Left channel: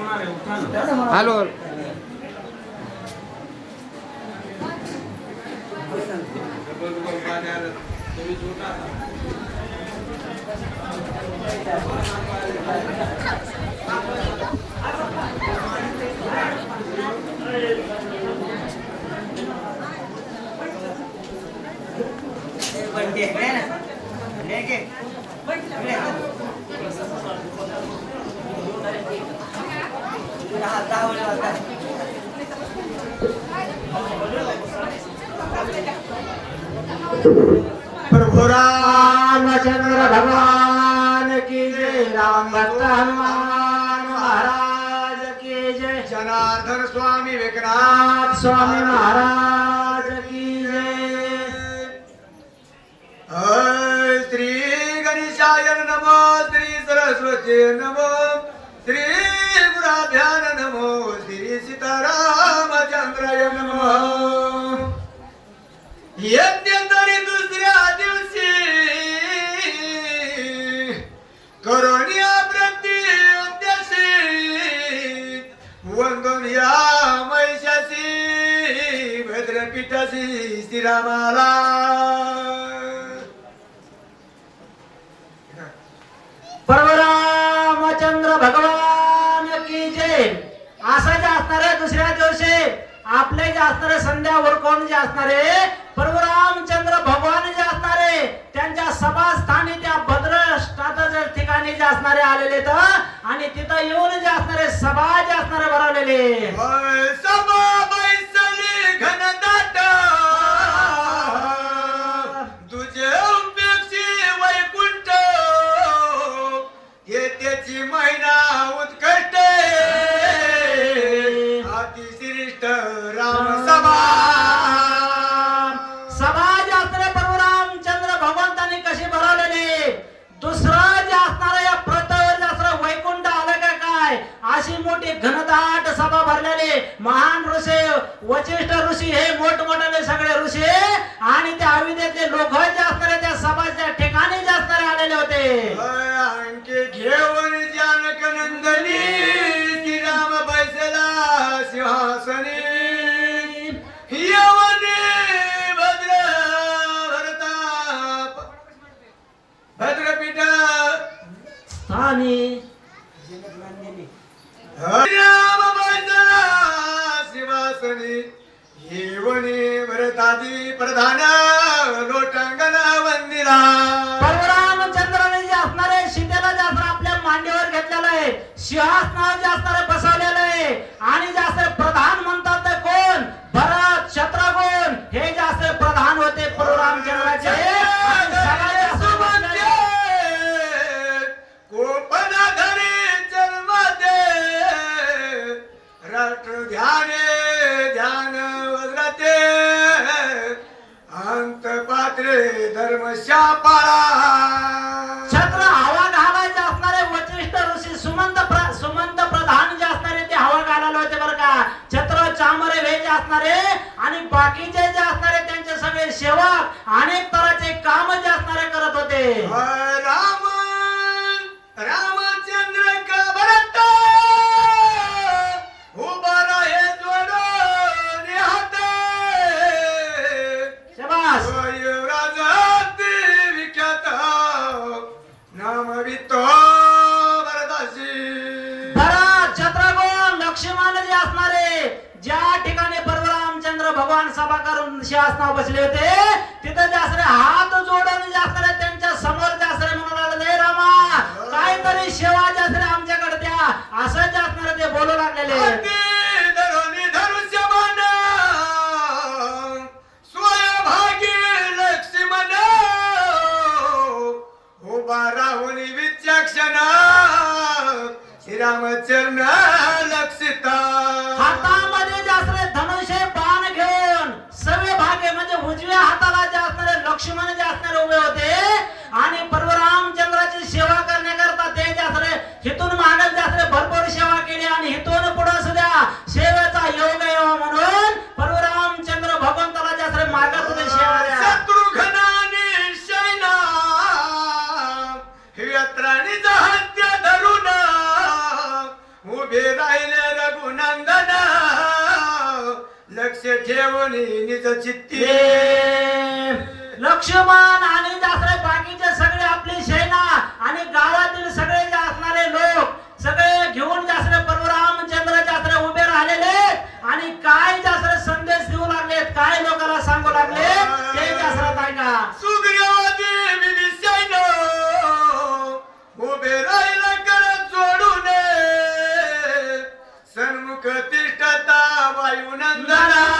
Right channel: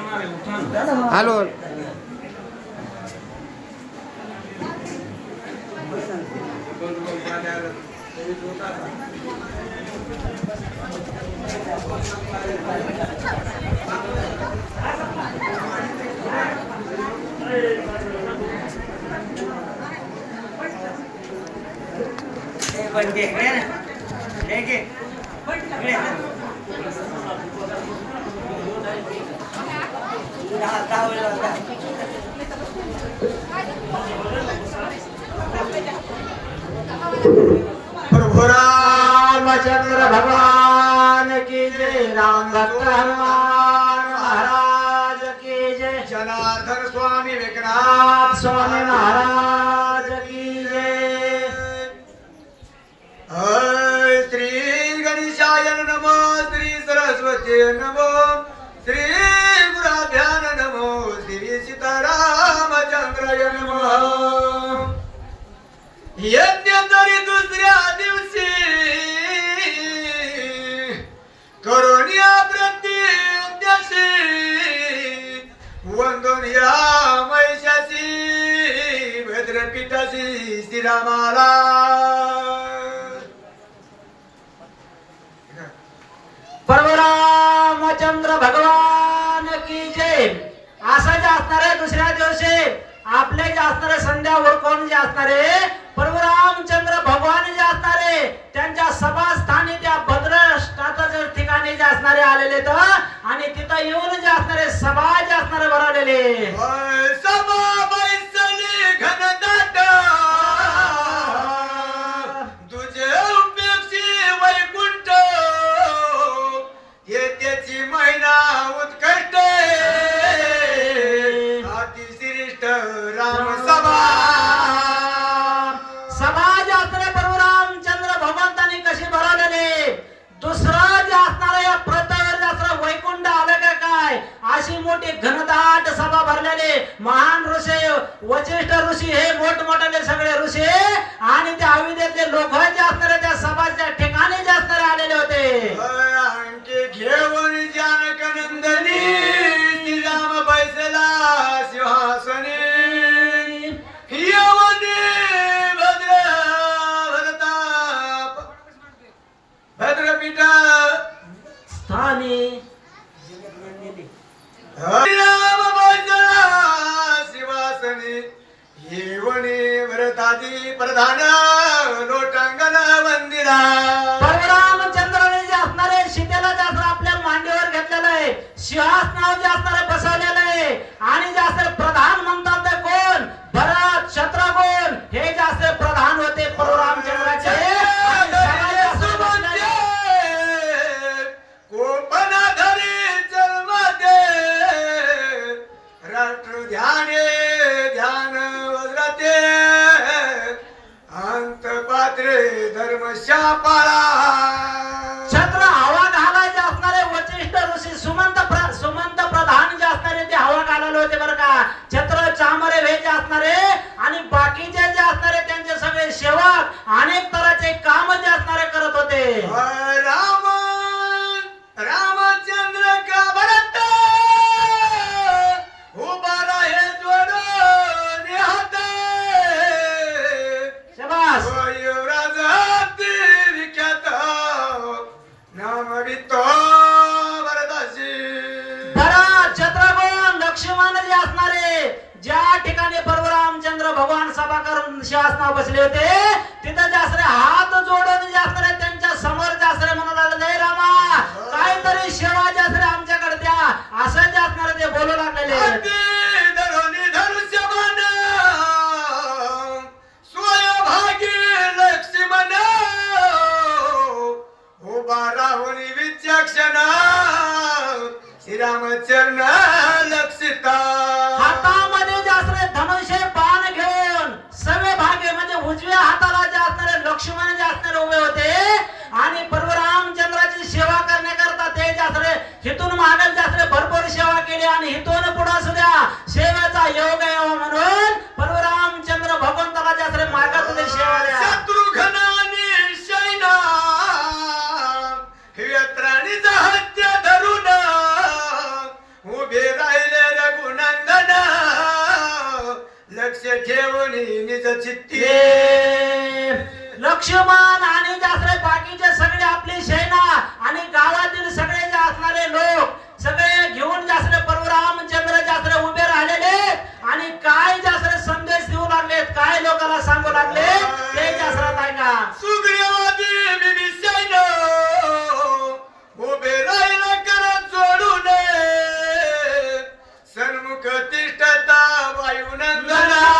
Hello प्रभु रामचंद्र भगवान की जय। राम भक्त हनुमान महाराज की जय। जनार्दन स्वामी विघ्नाथ स्वामी महाराज की जय। श्री गणेशाय नमो, श्री सरस्वती नमो, श्री गुराभ्यान नमो, श्री सीतारामचंद्राय नमः। यज्ञतरी दुसऱ्या दिवशी करोनिया प्रत्यक्षी वंदनिया महिषासी भद्रपीठासी श्रीरामाला। प्रभु रामचंद्र भगवान की जय। असं जे असणार आहे दुसऱ्या दिवशी आपले जे असणारे संध्यावर कोण जे असणारे प्रभु रामचंद्र भगवान जे असणारे त्यांच्या सभास्थानी त्या भद्रष्टात जर ठिकाणी जे असणारे आलेले तर आणि तिथं येऊन जे असणारे सभा जे असणारे भरवलेले सभा बैसली घनदाट तुझे उपेक्षी वैकुंठ हे त्याची महिना उत्कट अतिश्रेष्ठ राम सभा। सभा जे असणारे प्रभु रामचंद्र भगवंतांनी कशी भरवलेली दुसरं जे असणार या प्रथेवर जे असणार वैकुंठ आलं का काय अशी मोठी घनदाट सभा भरलेली महान ऋषी वशिष्ठ ऋषी हे मोठमोठाले सगळे ऋषी आणि त्या अविद्येतले लोक जे असणारे त्या सभाच्या ठिकाणी जे असणारे आलेले होते। अंके घेऊन जानक नंदनी श्रीराम बैसला सिंहासनी यवनी भद्र भरताप भद्रपीठा स्थानी श्रीराम बैसला सिंहासनी यवनी भरतादी प्रधान लोटांगण वंदिला। प्रभु रामचंद्राने जे असणारे सीतेला जे असणार आपल्या मांडीवर घेतलेलं आहे सिंहासनावर जे असणारे बसवलेलं आहे आणि जे असणारे प्रधान म्हणतात ते कोण भरत शत्रुघ्न हे जे असणारे प्रधान होते प्रभु रामचंद्राचे कोपनाधरी जन्मते राष्ट्र ध्याने ध्यान वज्रते अंत पात्रे धर्म शापाळा। छत्र हवा घालायचे असणारे वशिष्ठ ऋषी सुमंत प्रधान जे असणारे ते हवा घालायला होते बरं का। छत्र चामरे हे जे असणारे आणि बाकीचे जे असणारे त्यांचे सगळे सेवक अनेक तऱ्हेचे काम जे असणारे करत होते। राम रामचंद्र का भरत उभा राहे जोडून हात शाबास युवराजाती विख्यात नाम वितो भरताची। भरत शत्रुघ्न लक्ष्मण जे असणारे ज्या ठिकाणी प्रभु रामचंद्र भगवान सभा करून सिंहासनावर बसले होते तिथे जे असणारे हात जोडून जे असणारे त्यांच्या समोर जे असणारे म्हणू लागले रामा काहीतरी सेवा जे असणारे आमच्याकडे द्या असं जे असणारे ते बोलू लागलेले। लक्ष्मण उभा राहुल विचक्षण श्रीरामचरण लक्षिता। हातामध्ये जे असणारे धनुष्य बाण घेऊन सवे भागे म्हणजे उजव्या हाताला जे असणारे लक्ष्मण जे असणारे उभे होते आणि प्रभु रामचंद्राची सेवा करण्याकरता ते जे असणारे हितून मागल जे असणारे भरपूर सेवा केली आणि हितून पुढे सुद्धा सेवेचा योग यावा म्हणून प्रभु रामचंद्र भगवंताला जे असणारे मागत होते सेवा द्या। शत्रुघ्नाने शैना यत्राणीचा हत्या धरून उभे राहिले लक्ष ठेवून निज चित्ती लक्ष्मण आणि जासरे बाकीचे सगळे आपली सेना आणि गावातील सगळे जे असणारे लोक सगळे घेऊन जासरे परशुरामचंद्र जासरे उभे राहिलेले आणि काय जासरे संदेश देऊ लागलेत, काय लोकांना सांगू लागले ते जासरात ऐका. सुग्रीवादी विभीषण उभे राहिला करत जोडून सन्मुख तिष्ठता वायुनंदना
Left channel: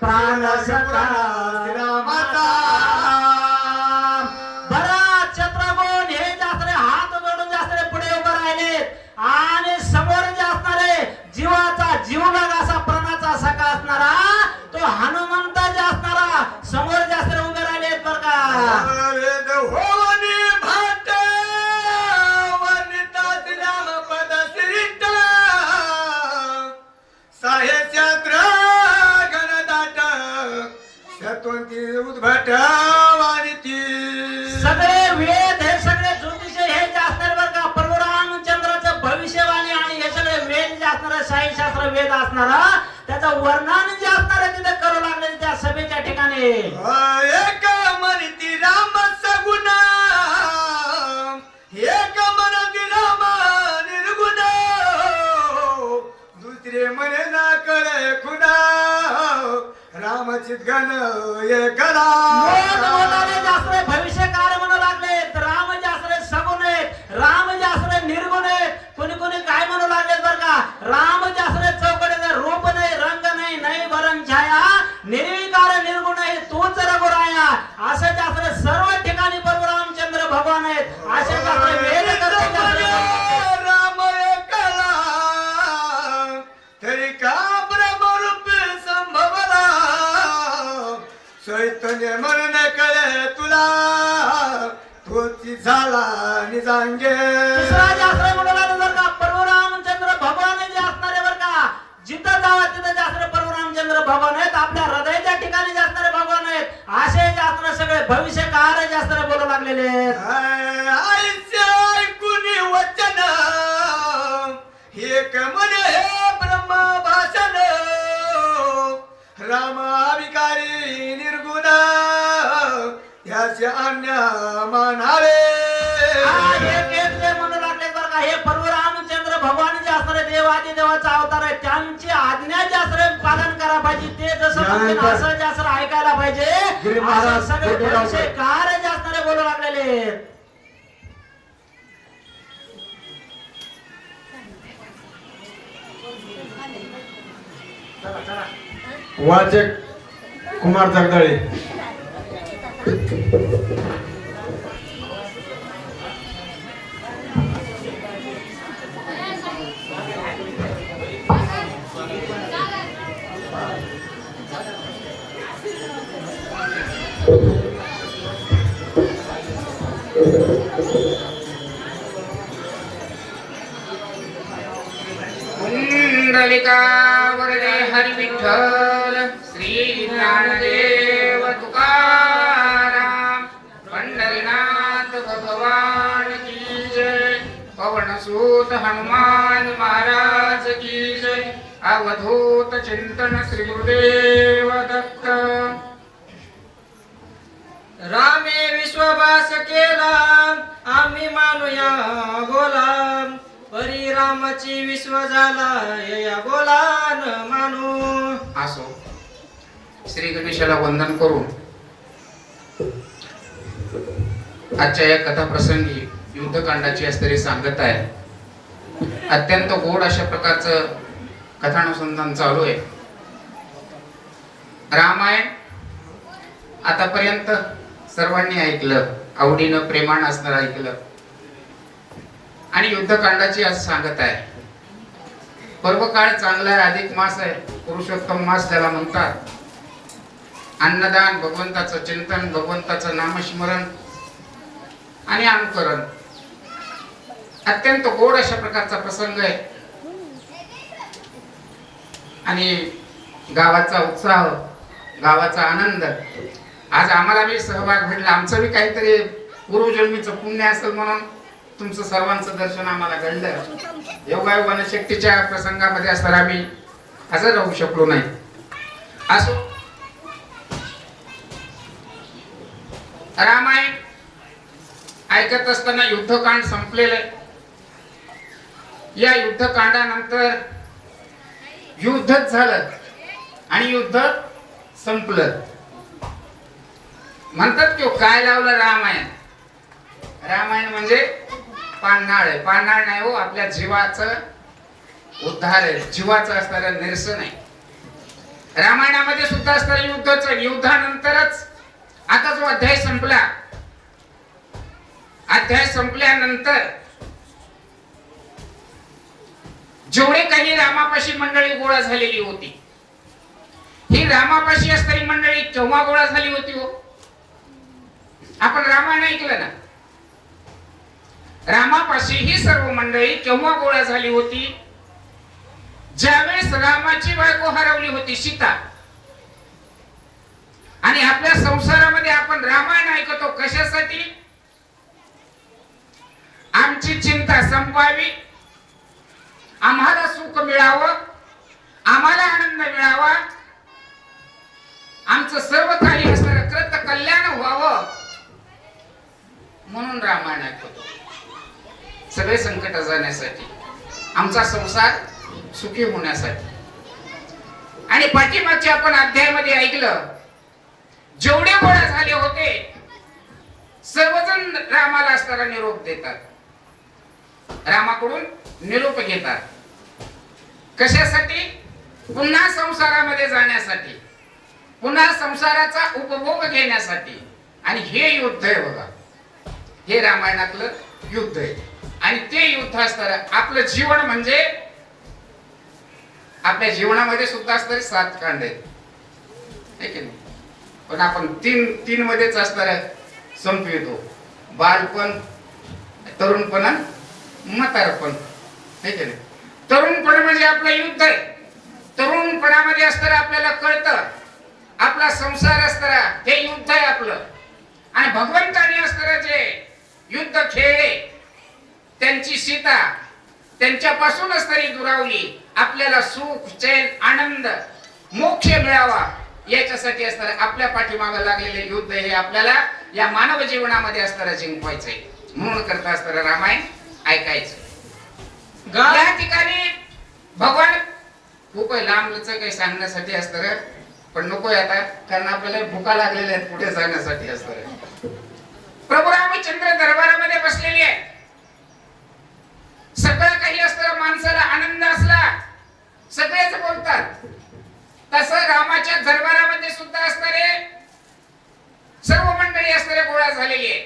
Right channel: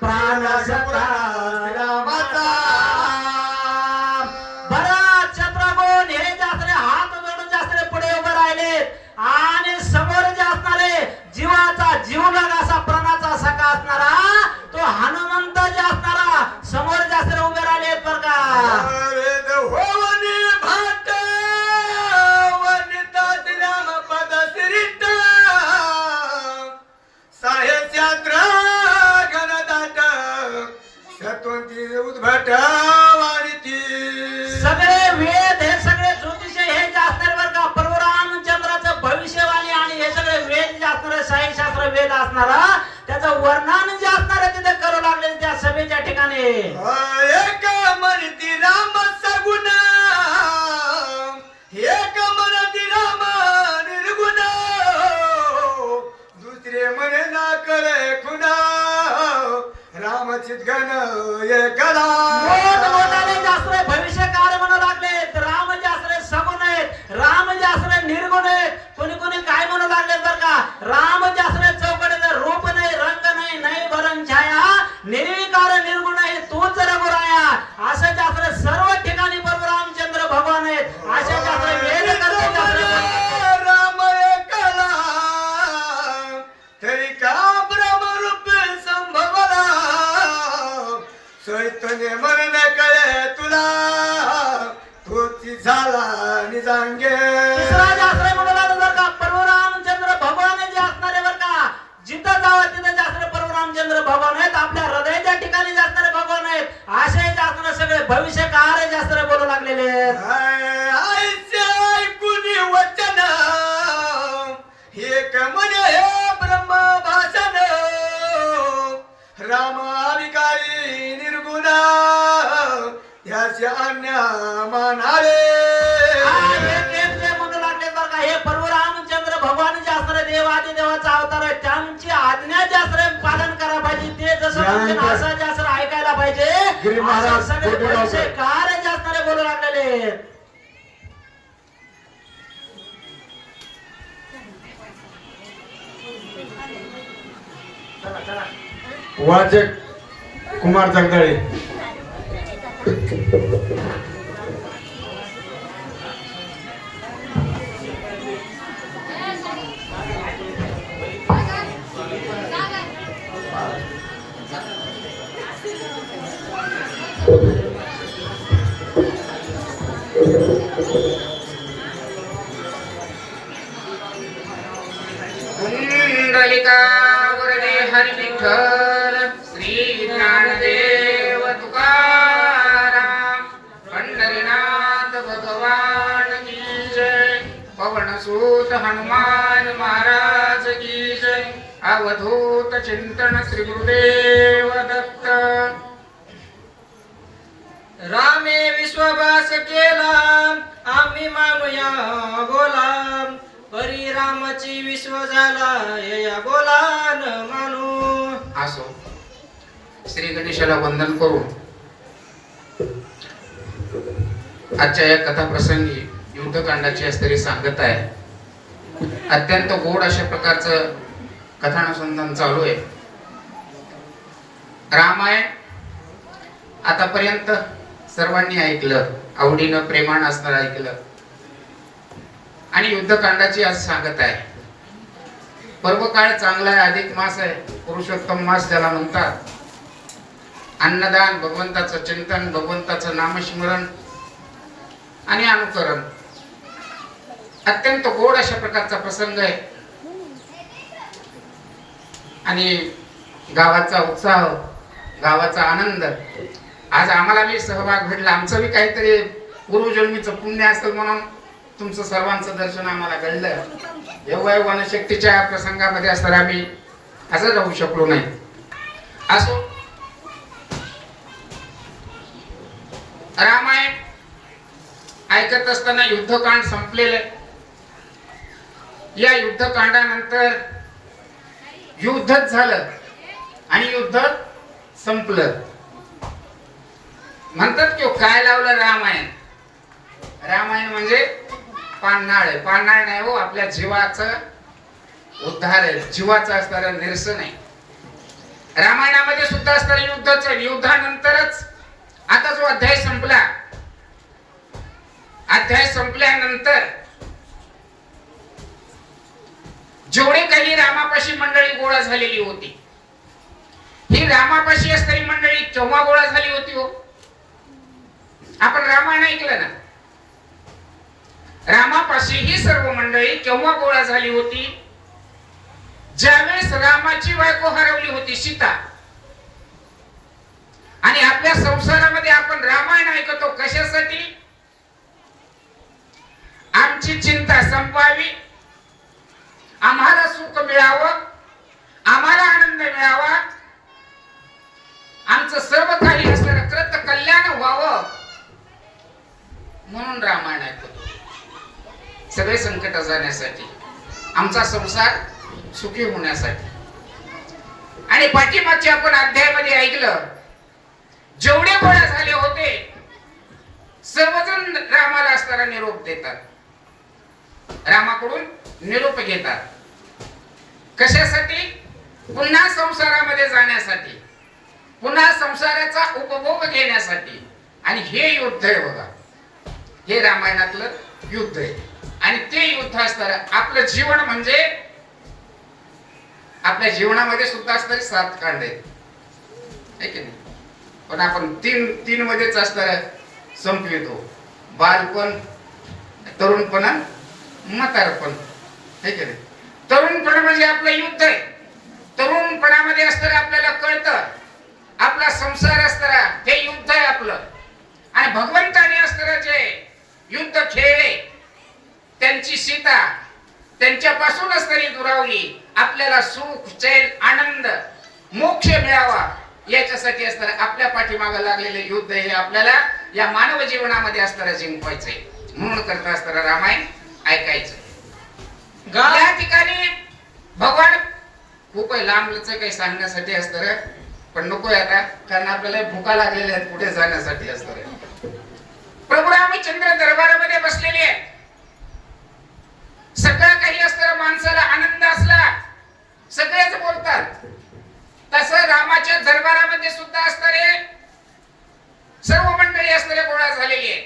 प्राण सखा रामाचा भरत शत्रुघ्न हे जासरे हात जोडून जासरे पुढे उभे राहिलेत आणि समोर जे असणारे जीवाचा जीवलग असा प्राणाचा सखा असणारा तो हनुमंत जे असणारा समोर जासरे उभे राहिलेत बरं का. वेद होवनी भाट वर्णितात रामपद श्रीष्ठ साहेशास्त्र गणदाट शतवंती उद्भट वाणिती सगळे वेद हे सगळे ज्योतिष हे जे असणार बरं का परशुरामचंद्राचं भविष्यवाणी आणि हे सगळे वेद जे असणार शास्त्र वेद असणारा त्याचं वर्णन जे असणार तिथे करू लागले त्या सभेच्या ठिकाणी. एक म्हणती राम सगुण एक म्हणती राम निर्गुण दुसरे म्हणे ना कळे खुना रामचित गण एकला मोठमोठाले जासरे भविष्यकार म्हणू लागले, राम जासरे सगुण आहेत, राम जासरे निर्गुण आहेत. कोणी कोणी काय म्हणू लागले बरं का, राम जासरे चौकटीचे रूप नाही, रंग नाही, नाही भरण छाया, निर्विकार निर्गुण आहे, तूच रघुराया असं जासरे सर्व ठिकाणी परशुरामचंद्र भगवान आहेत. असे जासरे वेद करते जासरे राम एकला तरी का ब्रह्मरूप संभवला चैतन्य मन कळे तुला तोची झाला निजांगे तिसरा जासरे म्हणू लागले बरं का परशुरामचंद्र भगवान जे असणारे बरं का जिथं जावा तिथं जासरे परशुरामचंद्र भगवान आहेत, आपल्या हृदयाच्या ठिकाणी जासणारे भगवान आहेत. असे जासरे सगळे भविष्यकार जासरे बोलू लागलेले आहेत. आईचे ऐकुनी वचन एक म्हणे हे ब्रह्म भाषण राम अविकारी निर्गुण ह्याचे अन्य मानावे एक एक जे म्हणू लागले बरं का हे परशुरामचंद्र भगवान जे असणारे देवादी देवाचा अवतार आहे, त्यांची आज्ञा जे असणारे पालन करा पाहिजे, ते जसं म्हणतील असं जे असं ऐकायला पाहिजे. असं सगळे भविष्यकार जे असणारे बोलू लागलेले आहेत. वाचक कुमार जगदाळे कुंडलिका वरदे हरी विठ्ठल श्री ज्ञानदेव तुकाराम पंढरीनाथ भगवान की जय पवनसूत हनुमान महाराज की जय अवधूत चिंतन श्री गुरुदेव दत्त. रामे विश्ववास केला आम्ही मानूया बोला परी रामाची विश्व झाला या बोला न मानू. असो श्री गणेशाला वंदन करून आजच्या या कथा प्रसंगी युद्धकांडाची असणारी सांगत आहे. अत्यंत गोड अशा प्रकारचं कथानुसंधान चालू आहे. रामायण आतापर्यंत सर्वांनी ऐकलं, आवडीनं प्रेमानं असणारं ऐकलं आणि युद्धकांडाची आज सांगत आहे. पर्वकाळ चांगला आहे, अधिक मास आहे, पुरुषोत्तम मास त्याला म्हणतात. अन्नदान, भगवंताचं चिंतन, भगवंताचं नामस्मरण आणि अनुकरण अत्यंत गोड अशा प्रकारचा प्रसंग आहे. आणि गावाचा उत्साह, गावाचा आनंद, आज आम्हाला बी सहभाग भेटला. आमचं बी काहीतरी पूर्वजन्मीचं पुण्य असेल म्हणून तुमचं सर्वांचं दर्शन आम्हाला घडलं. योगायोगाने शक्तीच्या प्रसंगामध्ये असताना आम्ही असं राहू शकलो नाही. असो, रामायण ऐकत असताना युद्धकांड संपलेलं आहे. या युद्धकांडानंतर युद्धच झालं आणि युद्ध संपलं. म्हणतात की काय लावलं रामायण. रामायण म्हणजे पान्हाळ आहे. पान्हाळ नाही हो, आपल्या जीवाचं उद्धार आहे, जीवाचं असणारं निरसन आहे. रामायणामध्ये सुद्धा असणारं युद्धच. युद्धानंतरच आता जो अध्याय संपला, अध्याय संपल्यानंतर जेवढे काही रामापाशी मंडळी गोळा झालेली होती, ही रामापाशी असणारी मंडळी केव्हा गोळा झाली होती हो? आपण रामायण ऐकलं ना. रामापाशी ही सर्व मंडळी केव्हा गोळा झाली होती? ज्यावेळेस रामाची बायको हरवली होती, सीता. आणि आपल्या संसारामध्ये आपण रामायण ऐकतो कशासाठी? आमची चिंता संपवावी, आम्हाला सुख मिळावं, आम्हाला आनंद मिळावा, आमचं सर्व काही असणारं कृत कल्याण व्हावं म्हणून रामायण ऐकतो. सगळे संकट जाण्यासाठी, आमचा संसार सुखी होण्यासाठी. आणि पाठीमागच्या आपण अध्यायामध्ये ऐकलं, जेवढे गोळा झाले होते सर्वजण रामाला असणारा निरोप देतात, रामाकडून निरोप घेतात. कशासाठी? पुन्हा संसारामध्ये जाण्यासाठी, पुन्हा संसाराचा उपभोग घेण्यासाठी. आणि हे युद्ध आहे बघा, हे रामायणातलं युद्ध आहे. आणि ते युद्ध असणारं आपलं जीवन म्हणजे, आपल्या जीवनामध्ये सुद्धा असणारे 7 कांड आहेत, है की नाही? पण आपण तीन मध्येच असणारं संपवितो. बालपण, तरुणपण, म्हातारपण, है की नाही? तरुणपण म्हणजे आपलं युद्ध आहे. तरुणपणामध्ये असणारं आपल्याला कळतं आपला संसार असणारा हे युद्ध आहे आपलं. आणि भगवंताने असणारं जे युद्ध खेळले, त्यांची सीता, त्यांच्यापासून असणारी दुरावली, आपल्याला सुख, चैन, आनंद, मोक्ष मिळावा याच्यासाठी असणार आपल्या पाठीमागे लागलेले युद्ध हे आपल्याला या मानव जीवनामध्ये असणारं जिंकवायचंय. म्हणून करता असणारं रामायण ऐकायचं. या ठिकाणी भगवान खूप लांबच काही सांगण्यासाठी असणार, पण नकोय आता, कारण आपल्याला भुका लागलेल्या आहेत पुढे जाण्यासाठी असणार. प्रभू रामचंद्र दरबारामध्ये बसलेले आहे. सगळं काही असतं, माणसाला आनंद असला सगळेच बोलतात. तसं रामाच्या दरबारामध्ये सुद्धा असणारे सर्व मंडळी असणारे गोळा झालेली आहे.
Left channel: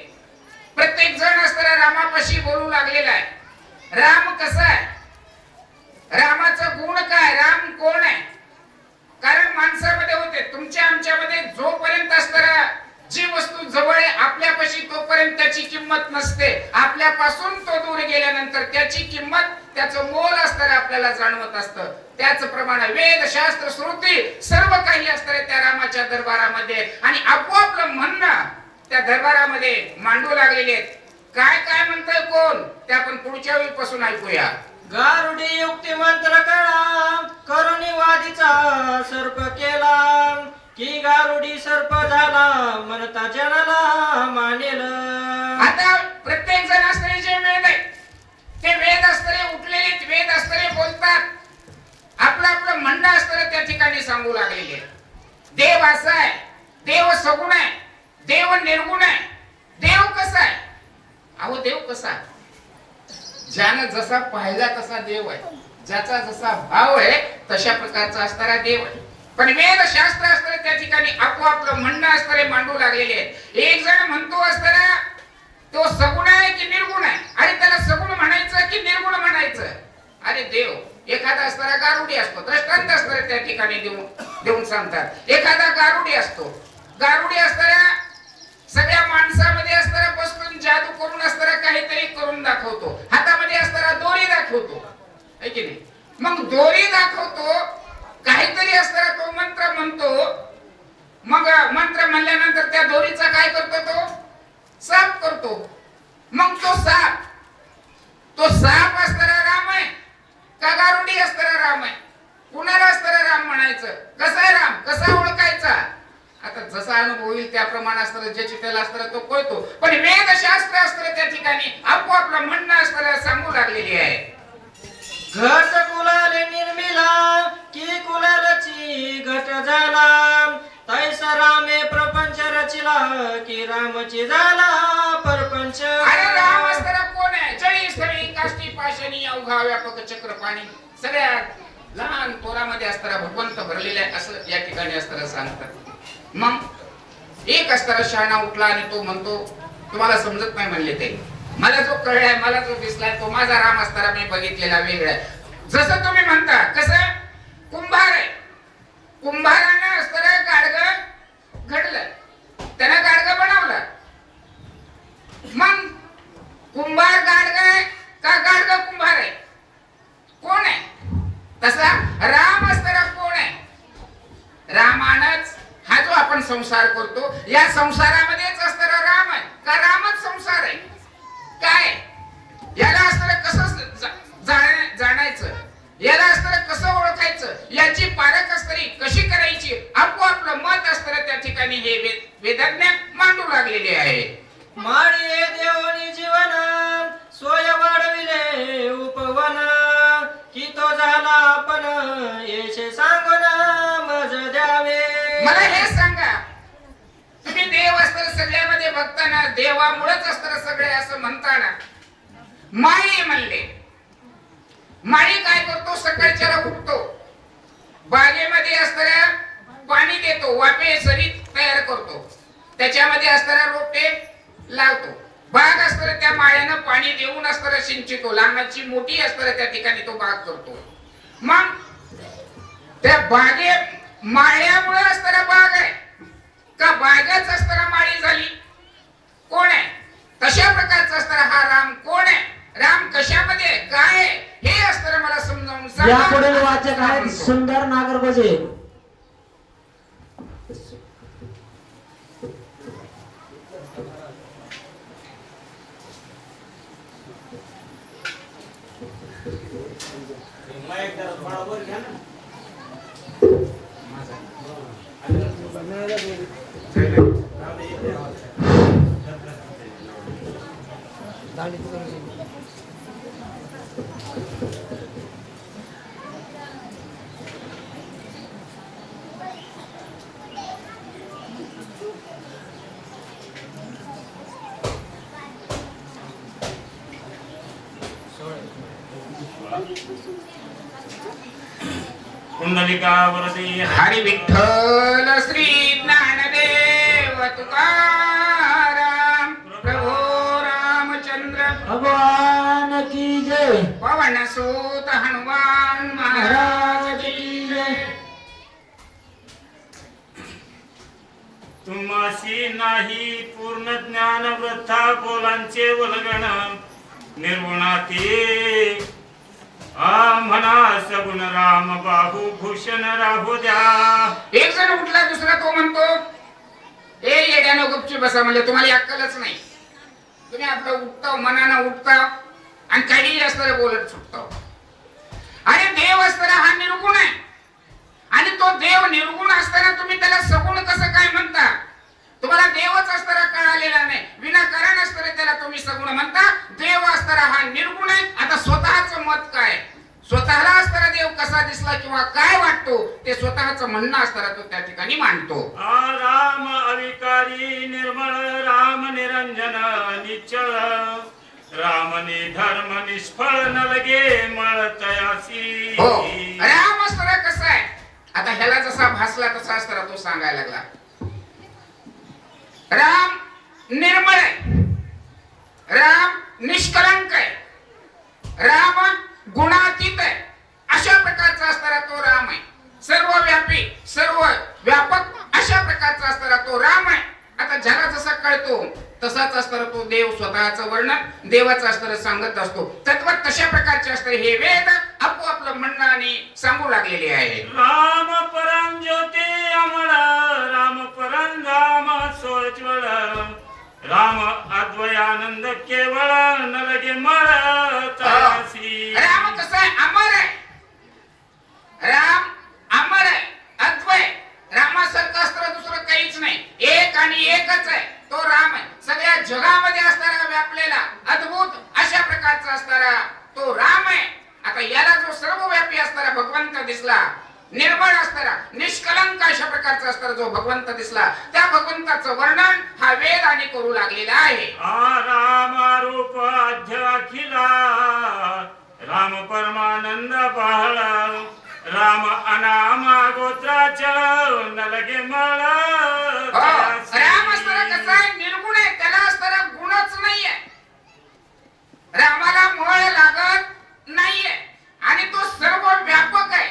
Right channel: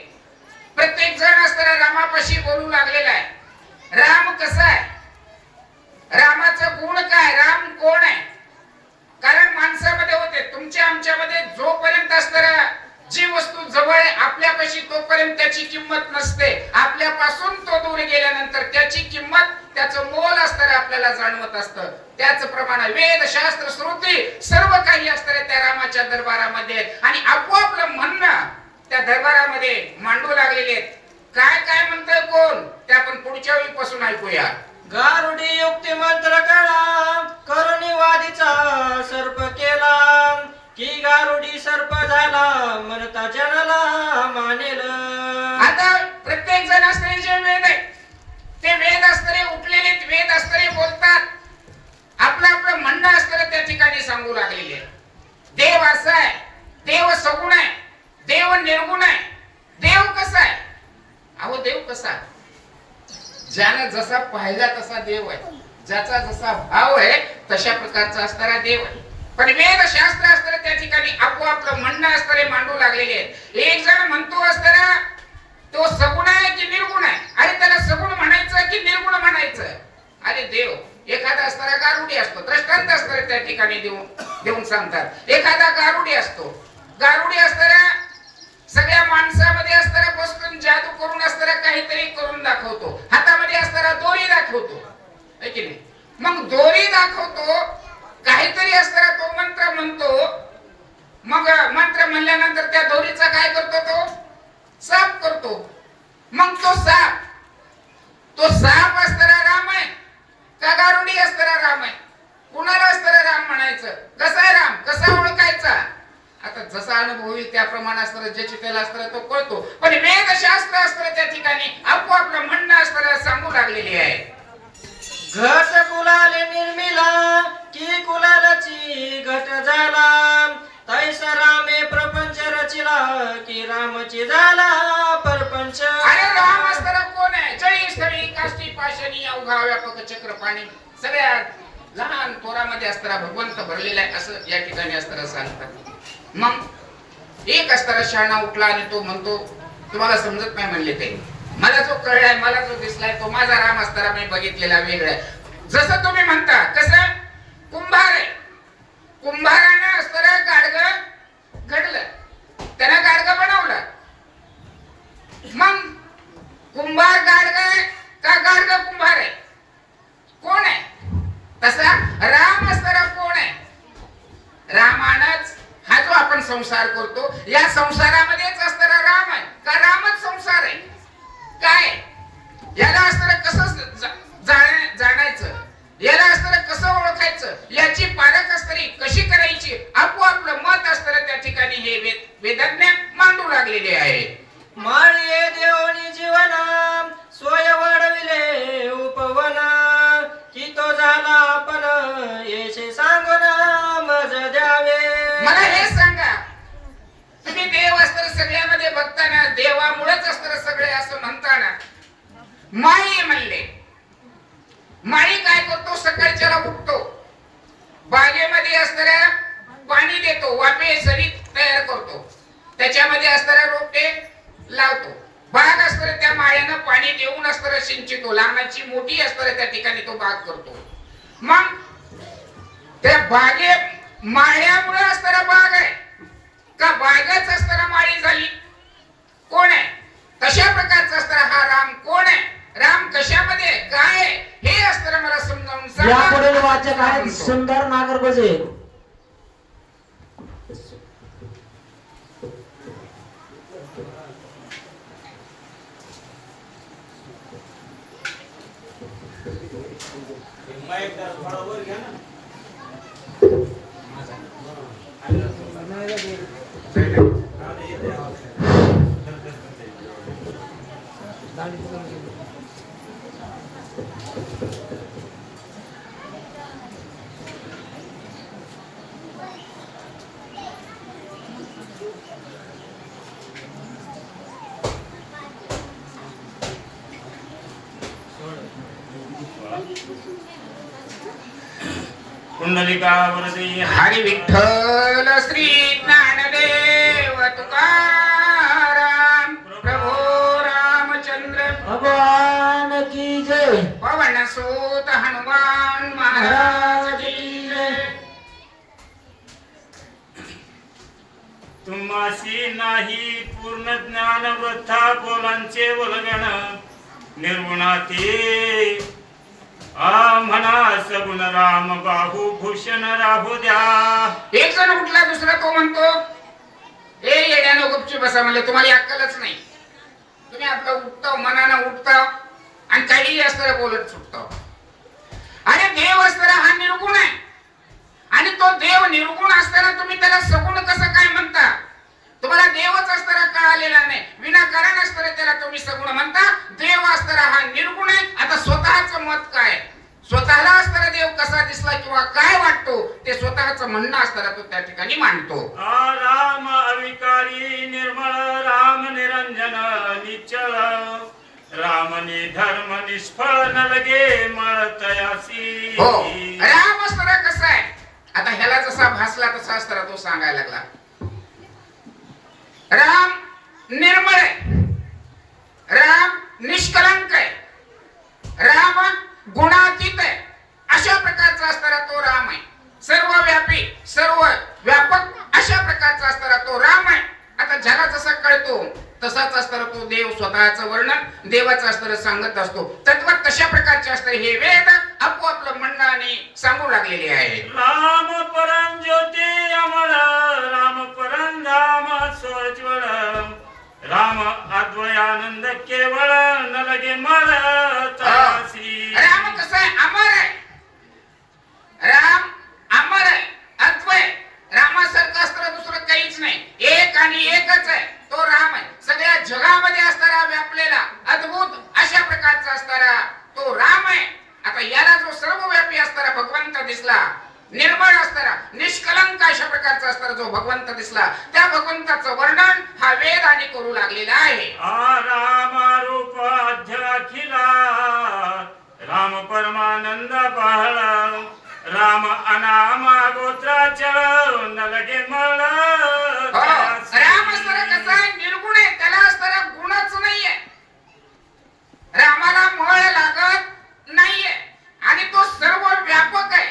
प्रत्येक जण असणाऱ्या रामापाशी बोलू लागलेला आहे. राम कसा आहे, रामाचं गुण काय, राम कोण आहे. कारण माणसामध्ये होते, तुमच्या आमच्यामध्ये जोपर्यंत असणारा जी वस्तू जवळ आहे आपल्यापाशी, तोपर्यंत त्याची किंमत नसते. आपल्यापासून तो दूर गेल्यानंतर त्याची किंमत, त्याचं मोल असणारे आपल्याला जाणवत असतं. त्याचप्रमाणे वेद, शास्त्र, श्रुती सर्व काही असणारे त्या रामाच्या दरबारामध्ये, आणि आपोआपलं म्हणणं त्या दरबारामध्ये मांडू लागलेले आहेत. काय काय म्हणतोय कोण, ते आपण पुढच्या वेळीपासून ऐकूया. गारुडी युक्ती मंत्र कळा, करुणी वादीचा सर्प केला, की गारुडी सर्प झाला, म्हणता जनाला मानेल. आता प्रत्येक जण असणारे जे वेद आहे, ते वेद असणारे उठलेले वेद असणारे बोलतात. आपलं आपलं म्हणणं असणारे त्या ठिकाणी सांगू लागलेले. देव असा आहे, देव सगुण आहे, देव निर्गुण आहे. देव कसा आहे? अहो देव कसा? ज्याने जसा पाहिला तसा देव आहे, ज्याचा जसा भाव आहे तशा प्रकारचा असणारा देव आहे. पण वेद शास्त्र असणारे त्या ठिकाणी आपोआपलं म्हणणं असणारे मांडू लागलेले आहेत. एक जण म्हणतो असताना तो सगुण आहे की निर्गुण आहे. अरे त्याला सगुण म्हणायचं की निर्गुण म्हणायचं? अरे देव एखादा असणारा गारुडी असतो, दृष्टांत असणारे त्या ठिकाणी देऊन सांगतात. एखादा गारुडी असतो, गारुडी असणारा सगळ्या माणसामध्ये असणारा बसून जादू करून असणारा काहीतरी करून दाखवतो. हातामध्ये असणारा दोरी दाखवतो, है की नाही? मग दोरी दाखवतो, काहीतरी असणारा तो मंत्र म्हणतो. मग मंत्र म्हणल्यानंतर त्या दोरीचा काय करतो तो? साप करतो. मग तो साप असणारा राम आहे का गारुडी असणारा राम आहे? कुणाला असणारा कसा आहे राम, कसा ओळखायचा? आता जसा अनुभव येईल त्याप्रमाणे असतं, ज्याची त्याला असतं तो कळतो. पण वेदशास्त्र असतं त्या ठिकाणी आपोआपलं म्हणणं असतं सांगू लागलेली आहे. घट कुलाले निर्मिला की कुलालची घट झाला, तैसा रामे प्रपंच रचिला की रामची झाला परपंच. अरे राम असताना कोण आहे? जळी स्थळी काष्टी पाषाणी अवघा व्यापक चक्रपाणी, सगळ्या लहान पोरामध्ये असताना भगवंत भरलेला आहे असं या ठिकाणी असताना सांगतात. मग एक असताना शहाणा उठला आणि तो म्हणतो तुम्हाला समजत नाही म्हणले ते, मला जो कळलाय, मला जो दिसलाय तो माझा राम असताना मी बघितलेला वेगळा आहे. जसं तुम्ही म्हणता कसं कुंभार आहे, कुंभारानं असताना गाडगं घडलं, त्यानं गाडगं बनवलं. मग कुंभार गाडगं का गाडगं कुंभार आहे? कोण आहे? तसा राम असताना कोण आहे? रामानच हा जो आपण संसार करतो या संसारामध्येच असताना राम आहे का रामच संसार आहे? काय याला असताना कसं जाणायचं, याला असताना कसं ओळखायचं, याची पारखस्तरी कशी करायची, आपोआपलं मत असताना त्या ठिकाणी हे वेदज्ञ मांडू लागलेले आहे. माळी देवनी जीवना सोय वाढविले उपवना, की तो झाला आपण येशे सांगून मज द्यावे. मला हे सांगा, तुम्ही देव असताना सगळ्यामध्ये बघताना देवामुळेच असताना सगळे असं म्हणताना माळी म्हणले. माळी काय करतो? सकाळच्याला उठतो, बागेमध्ये असताना पाणी देतो, वाफे सरीत तयार करतो, त्याच्यामध्ये असताना रोपटे लावतो. बाग असताना त्या माळ्यानं पाणी देऊन असताना सिंचितो, लहानाची मोठी असताना त्या ठिकाणी तो बाग करतो. मग त्या बागे माळ्यामुळे असताना बाग आहे का बागच असताना माळी झाली? कोण आहे? तशा प्रकारचा असताना हा राम कोण आहे? राम कशामध्ये काय आहे हे असताना मला समजावून सांगा. यापुढील वाचक आहेत सुंदर नागरगोजे. कुंडलिकावरती हरी विठ्ठल श्री ज्ञानदेव तुकाराम प्रभो रामचंद्र भगवान की जय. पवन सूत हनुमान महाराज की जय. तुम्हाशी नाही पूर्ण ज्ञान वृथा बोलांचे वल्गण, निर्गुणाती म्हणा सगुण राम बाहू भूषण राहू द्या. एक जण उठला, दुसरा तो म्हणतो ए येड्यानो गपची बसा, म्हणले तुम्हाला अक्कलच नाही, तुम्ही आपलं उठताव मनानं उठताव आणि काहीही असताना बोलत सुटताव. अरे देव असताना हा निर्गुण आहे आणि तो देव निर्गुण असताना तुम्ही त्याला सगुण कसं काय म्हणता? तुम्हाला देवच असताना कळालेला नाही, विनाकारण असताना त्याला तुम्ही सगुण म्हणता. देव असताना हा निर्गुण आहे. आता स्वतःच मत काय, स्वतःला असताना देव कसा दिसला किंवा काय वाटतो ते स्वतःच म्हणणं असताना तो त्या ठिकाणी मांडतो. राम अविकारी निर्मळ, राम निरंजन निश्चळ, राम निधर्म निष्फळ न लगे मळतयासी. हो, राम असताना कसं आहे? आता ह्याला जसा भासला तसा असताना तो सांगायला लागला. राम निर्मळ आहे, राम निष्कलंक आहे, राम गुणातीत आहे. अशा प्रकारचा असणारा तो राम आहे. सर्व व्यापी, सर्व व्यापक अशा प्रकारचा असणारा तो राम आहे. आता ज्याला जसा कळतो तसाच असताना तो देव स्वतःचं वर्णन देवाचं असताना सांगत असतो. तत्व कशा प्रकारचे असते हे वेद आपोआपलं म्हणणं आणि सांगू लागलेले आहे. राम परम ज्योती अमळ, राम परम धाम सोज्वळ, राम अद्वयानंद केवळ न लगे मळतयासी. राम कसं आहे? अमर आहे. राम अमर आहे, ठिकाणी एकच आहे, तो राम आहे. सगळ्या जगामध्ये असणारा व्यापलेला अद्भुत अशा प्रकारचा असणारा तो राम आहे. आता याला जो सर्वव्यापी असणारा भगवंत दिसला, निर्मळ असणारा निष्कलंक अशा प्रकारचा असणारा जो भगवंत दिसला, त्या भगवंताचं वर्णन हा वेद आणि करू लागलेला आहे. राम रूप अखिला, राम परमानंद बहळा, राम अनामा गोत्राचळ नलगे मळ. राम असणारा कसा आहे? निर्गुण आहे, त्याला असणारा गुणच नाहीये. रामाला मळ लागत नाहीये आणि तो सर्व व्यापक आहे.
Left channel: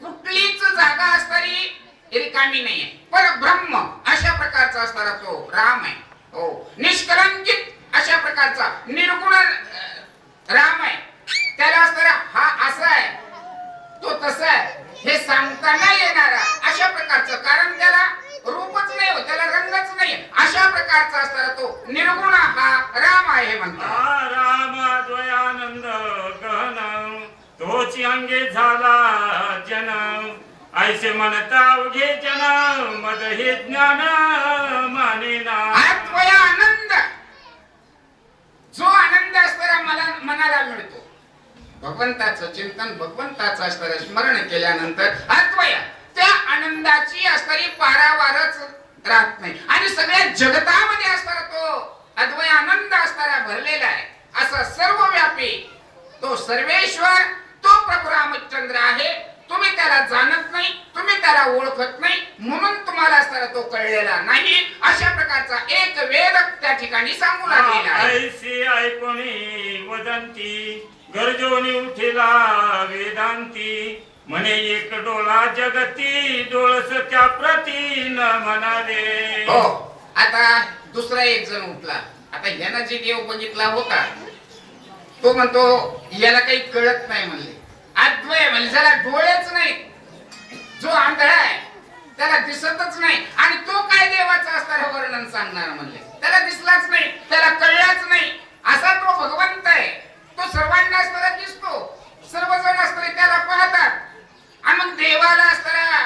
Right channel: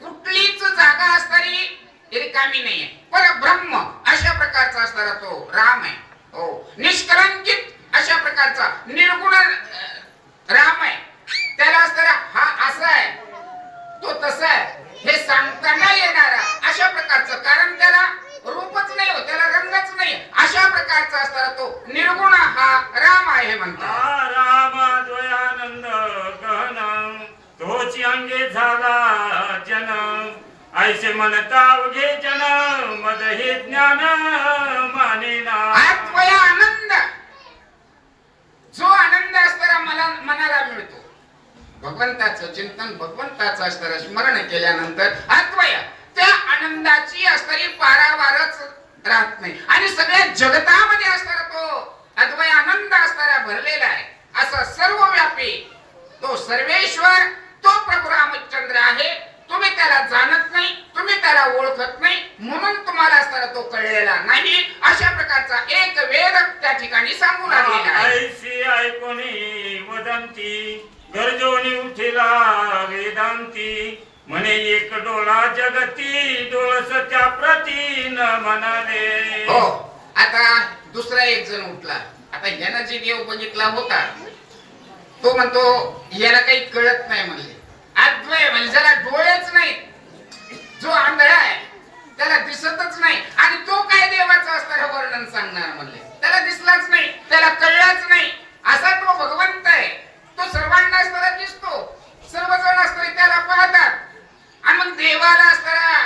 कुठलीच जागा असणारी रिकामी नाहीये. परब्रह्म अशा प्रकारचा असणारा तो राम आहे. हो, निष्कलंकित अशा प्रकारचा निर्गुण राम आहे. त्याला असणारा हा असा आहे, तो तसा आहे हे सांगता नाही येणारा अशा प्रकारचं, कारण त्याला रूपच नाही हो, त्याला रंगच नाही, अशा प्रकारचा असणारा तो निर्गुण हा राम आहे म्हणतात. राम द्वयानंद गहन, तोची अंगे झाला जन, ऐसे म्हणता अवघे जन, मद हे ज्ञान मानेना. आत्मया आनंद, जो आनंद असणारा मनाला मिळतो, भगवंताचं चिंतन, भगवंताचं असणारं स्मरण केल्यानंतर आत्मया त्या आनंदाची असणारी पारावारच राहत नाही आणि सगळ्या जगतामध्ये असणारा तो अद्वय आनंद असणारा भरलेला आहे. असा सर्वव्यापी तो सर्वेश्वर तो प्रभू रामचंद्र आहे. तुम्ही त्याला जाणत नाही, तुम्ही त्याला ओळखत नाही, म्हणून तुम्हाला असणारा तो कळलेला नाही. अशा प्रकारचा एक वेद त्या ठिकाणी सांगू लागलेला आहे. ऐसी ऐकोनी वदंती, गरजोनी उठिला वेदांती, म्हणे एक डोळा जगती, डोळस त्या प्रती न म्हणाले. हो, आता दुसरा एक जण उठला. आता यानं जे देव बघितला होता तो म्हणतो याला काही कळत नाही म्हणले. अद्वय म्हणजे ज्याला डोळेच नाहीत, जो आंधळा आहे, त्याला दिसतच नाही आणि तो काय देवाचं असणारं वर्णन सांगणार म्हणले. त्याला दिसलाच नाही, त्याला कळलाच नाही, असा तो भगवंत आहे. तो सर्वांना असणारा दिसतो, सर्वजण असणारे त्याला पाहतात आणि मग देवाला असणारा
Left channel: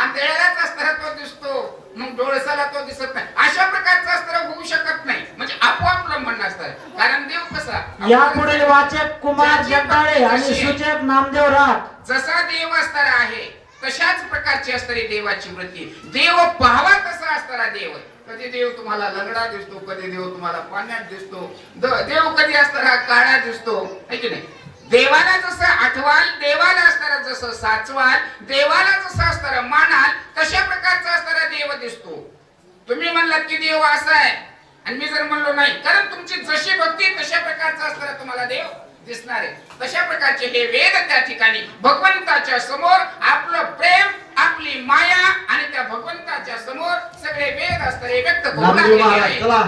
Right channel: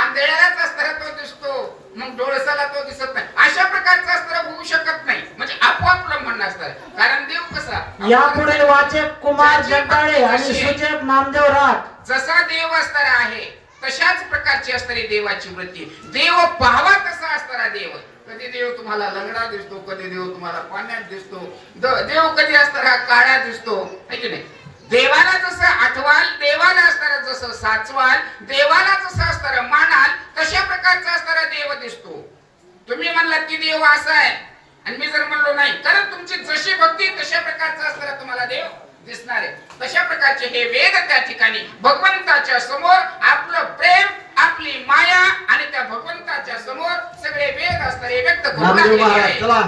आंधळ्यालाच असणारा तो दिसतो, मग डोळसाला तो दिसत नाही. अशा प्रकारचं असणारं होऊ शकत नाही. म्हणजे आपोआप ब्रह्मांड असणार, कारण देव कसा यापुढील वाचक कुमार जगदाळे आणि सूचक नामदेव राठ. जसा देव असणारा आहे तशाच प्रकारची असणारी देवाची वृत्ती. देव पाहावा तसा असणारा देव. कधी देव तुम्हाला लंगडा दिसतो, कधी देव तुम्हाला पाण्यात दिसतो, देव कधी असणारा काळा दिसतो, है की नाही? देवाला जसं आठवाल, देवाला असणारा जसं साचवाल, देवाला जसं असणारा मानाल, तशा प्रकारचा असणारा देव दिसतो. तुम्ही म्हणलात की देव असा आहे आणि मी जर म्हणलो नाही, कारण तुमची जशी भक्ती तशा प्रकारचा असणारा तुम्हाला देव दिसणार आहे. तशा प्रकारचे हे वेद त्या ठिकाणी भगवंताच्या समोर आपलं प्रेम, आपली माया आणि त्या भगवंताच्या समोर सगळे वेद असणारे व्यक्त करू नामदेव लागलेले महाराज आहे. चला.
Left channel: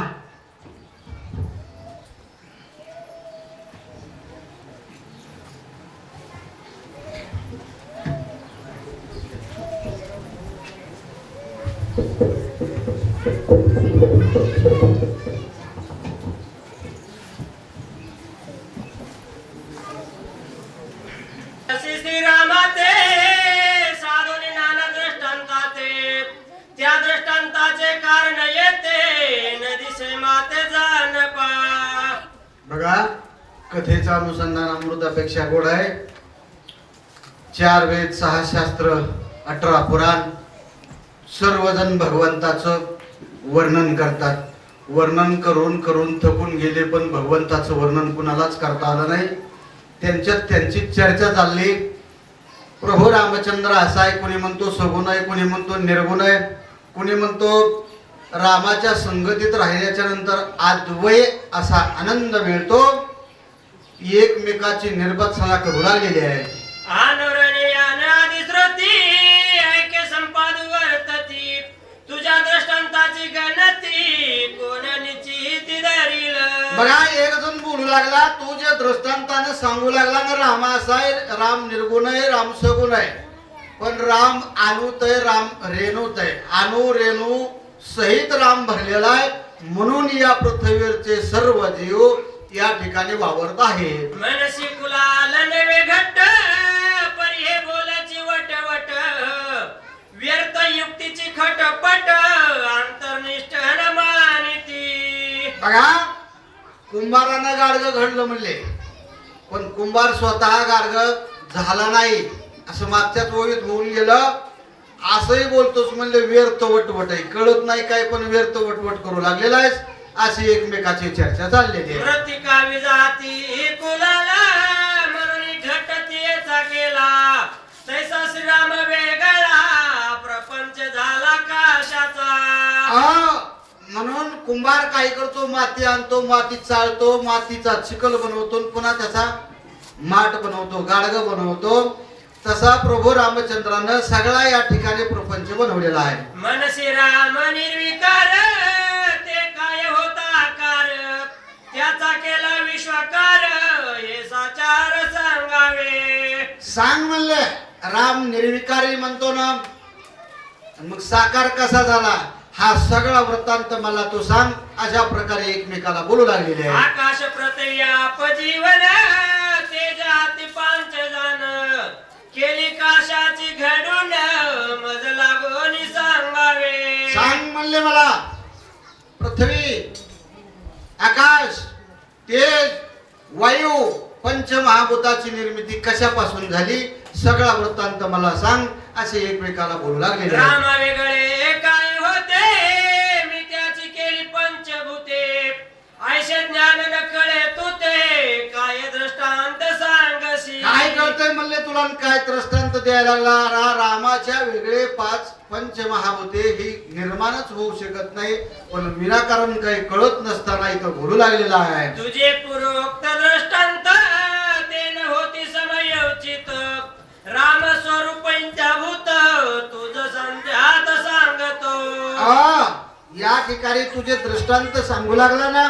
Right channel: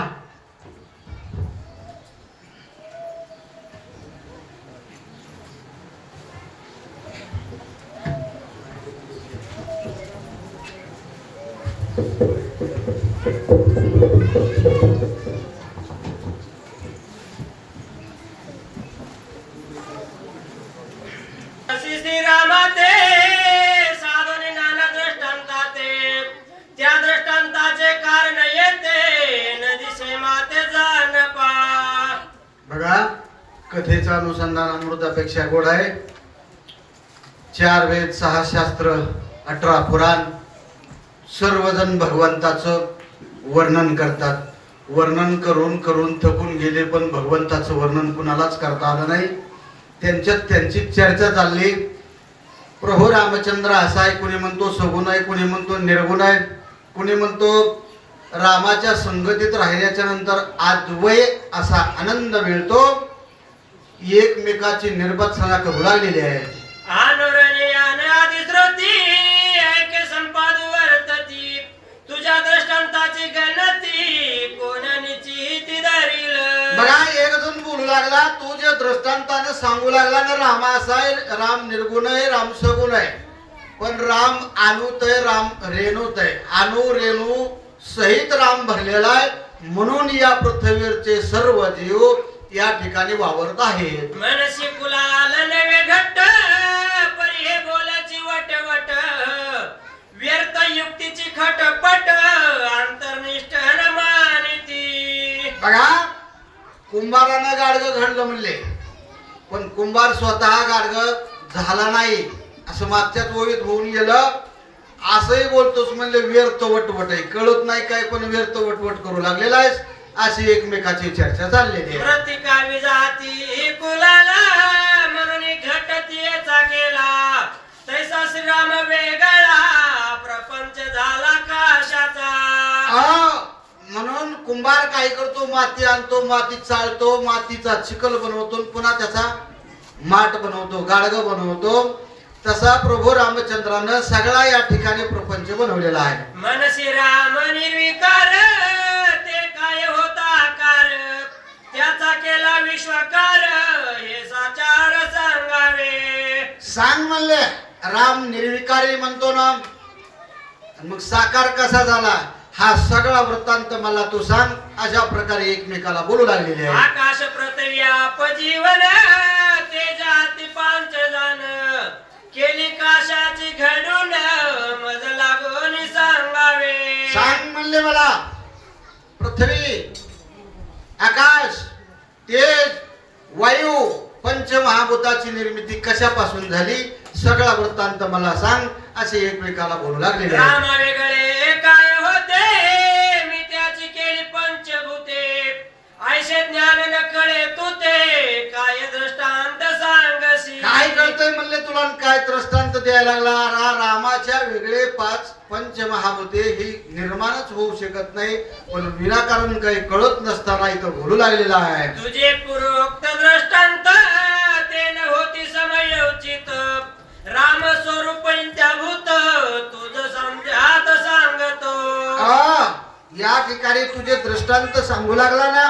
श्रीरामाते साधूने नाना दृष्टांताते, त्या दृष्टांताचे कारण येते न दिसे माते जाण पा. बघा, कथेचं अनुसंधान अमृतापेक्षा गोड आहे. 4 वेद, 6 शास्त्र, 18 पुराण, सर्वजण भगवंताचं वर्णन करतात. वर्णन करून करून थकून गेले, पण भगवंताचं वर्णन कुणालाच करता आलं नाही. त्यांच्यात त्यांची चर्चा चालली. प्रभू रामचंद्र असा आहे, कुणी म्हणतो सगुण आहे, कुणी म्हणतो निर्गुण आहे, कुणी म्हणतो रामाच्या संगतीत राहिल्याच्या नंतर अद्वय असा आनंद मिळतो. एकमेकाची निर्बत्सना करू लागलेली आहे. अनुरणीयान आदिश्रुती ऐके संपाद वर्तती, तुझ्या दृष्टांताची गणती कोण निश्चिती धरील. बघा, एक जण बोलू लागला, तू जे दृष्टांतानं सांगू लागला ना, राम असा आहे, राम निर्गुण आहे, राम सगुण आहे. पण राम अनुत आहे, राम रेणूत आहे. अनु रेणू सहित राम भरलेला आहे. म्हणून या पृथ्वीवरचे सर्व जीव या ठिकाणी वावरत आहेत. मनसी कुलाल नवे घट्ट, परी हे बोलाची वटवट, व्यर्थ युक्तीची खटपट, अंतर्निष्ठ बघा, कुंभारानं गाडगं घडलं म्हणले, पण कुंभार स्वतः गाडगं झाला नाही असं मागच्याच ओळीत होऊन गेलं. असंही बोलतोस म्हणले व्यर्थ वटवट आहे, कळत नाही काय पण व्यर्थ वटवट करू लागलेला आहेस, अशी एकमेकाची चर्चा चाललेली आहे. प्रतिकावी जाती कुलाला म्हणून घटतीचा केला तैसा श्रीराम वेगळा प्रपंच झाला काशाचा. म्हणून कुंभार काय करतो, माती आणतो, माती चालतो, मातीचा चिखल बनवतो, पुन्हा त्याचा माठ बनवतो, गाडगं बनवतो. तसा प्रभू रामचंद्रानं सगळा या ठिकाणी प्रपंच बनवलेला आहे. मनसी राम निर्विकार ते काय होता आकार त्याचा केला विश्वकार हे साचार सांगावे. सांग म्हणले, राम निर्विकारी म्हणतो ना, मग साकार कसा झाला हा सगळा वृत्तांत मला तू सांग. अशा प्रकारे एकमेकाला बोलू लागलेले आहे. आकाश प्रतयाप जीवन तेजाती पांच जाण केली काशाची घडून मज लागून सांगावे. सांग म्हणले मला, पृथ्वी, आकाश, तेज, वायू, पंचमहाभूताची निर्मिती कशापासून झाली सगळा वृत्तांत मला सांग. असे एकमेकाला बोलू लागलेले आहे. रामा वेगळे काय होते मी त्याची केली पंचभूते ऐशे ज्ञान न कळे तू ते काय दृष्टांत सांगसी. काय कळतंय म्हणले तुला आणि काय दृष्टांत द्यायला लागला. रामाच्या वेगळे पाच पंचमहाभूते ही निर्माणच होऊ शकत नाही, पण विनाकारण काही कळत नसताना इथं बोलू लागलेला आहे. तुझे पूर्वोक्त दृष्टांत ते न होती समयोचित राम स्वरूप भूत तुझ संध्यात सांगतो. या ठिकाणी तुझे दृष्टांत सांगू लागला ना,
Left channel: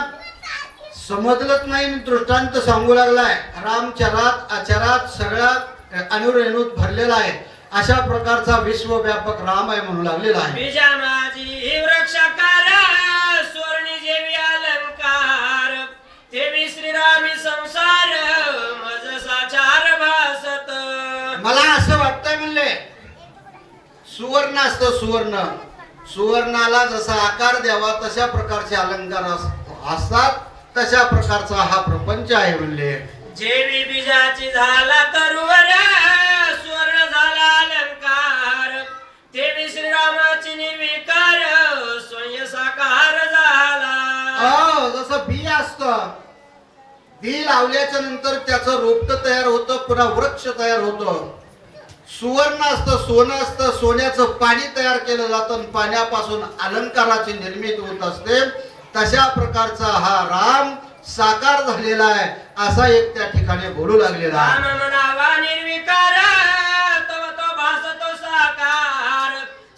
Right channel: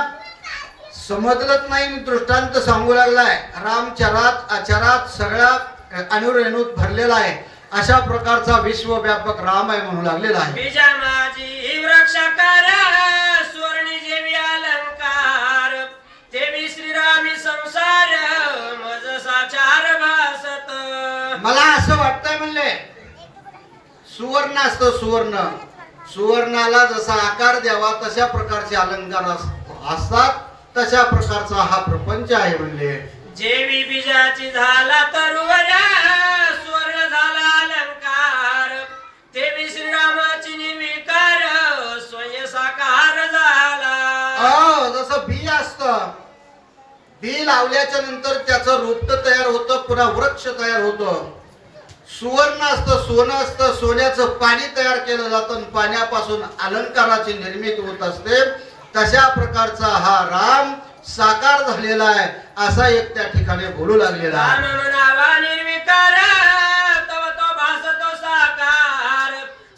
समजलंच नाही आणि दृष्टांत सांगू लागलाय. राम चरात अचरात सगळ्या अनुरेणूत भरलेला आहे, अशा प्रकारचा विश्वव्यापक राम आहे म्हणू लागलेला आहे. बीजा माझी वृक्षकार स्वर्णी जेवी अलंकार तेवी श्रीरामी संसार मज साचार भासत. मला असं वाटतंय म्हणले, सुवर्ण असतं सुवर्ण, सुवर्णाला जसा आकार द्यावा तशा प्रकारचे अलंकार असतात, तशा प्रकारचा हा प्रपंच आहे म्हणले. जेवी बीजाची झाला तरुवऱ्या स्वर्ण झाला अलंकार तेवी श्रीरामाची निर्विकार स्वयं साकार झाला. जसं बी असतं, बी लावल्याच्या नंतर त्याचं रोपट तयार होतं, पुन्हा वृक्ष तयार होतं. सुवर्ण असतं, सोनं असतं, सोन्याचं पाणी तयार केलं जातं, पाण्यापासून अलंकाराची निर्मिती होत असते. तशा प्रकारचा हा राम साकार झालेला आहे, असा एक त्या ठिकाणी बोलू लागलेला आहे. राम म्हणावा निर्विकार तव तो भासतो साकार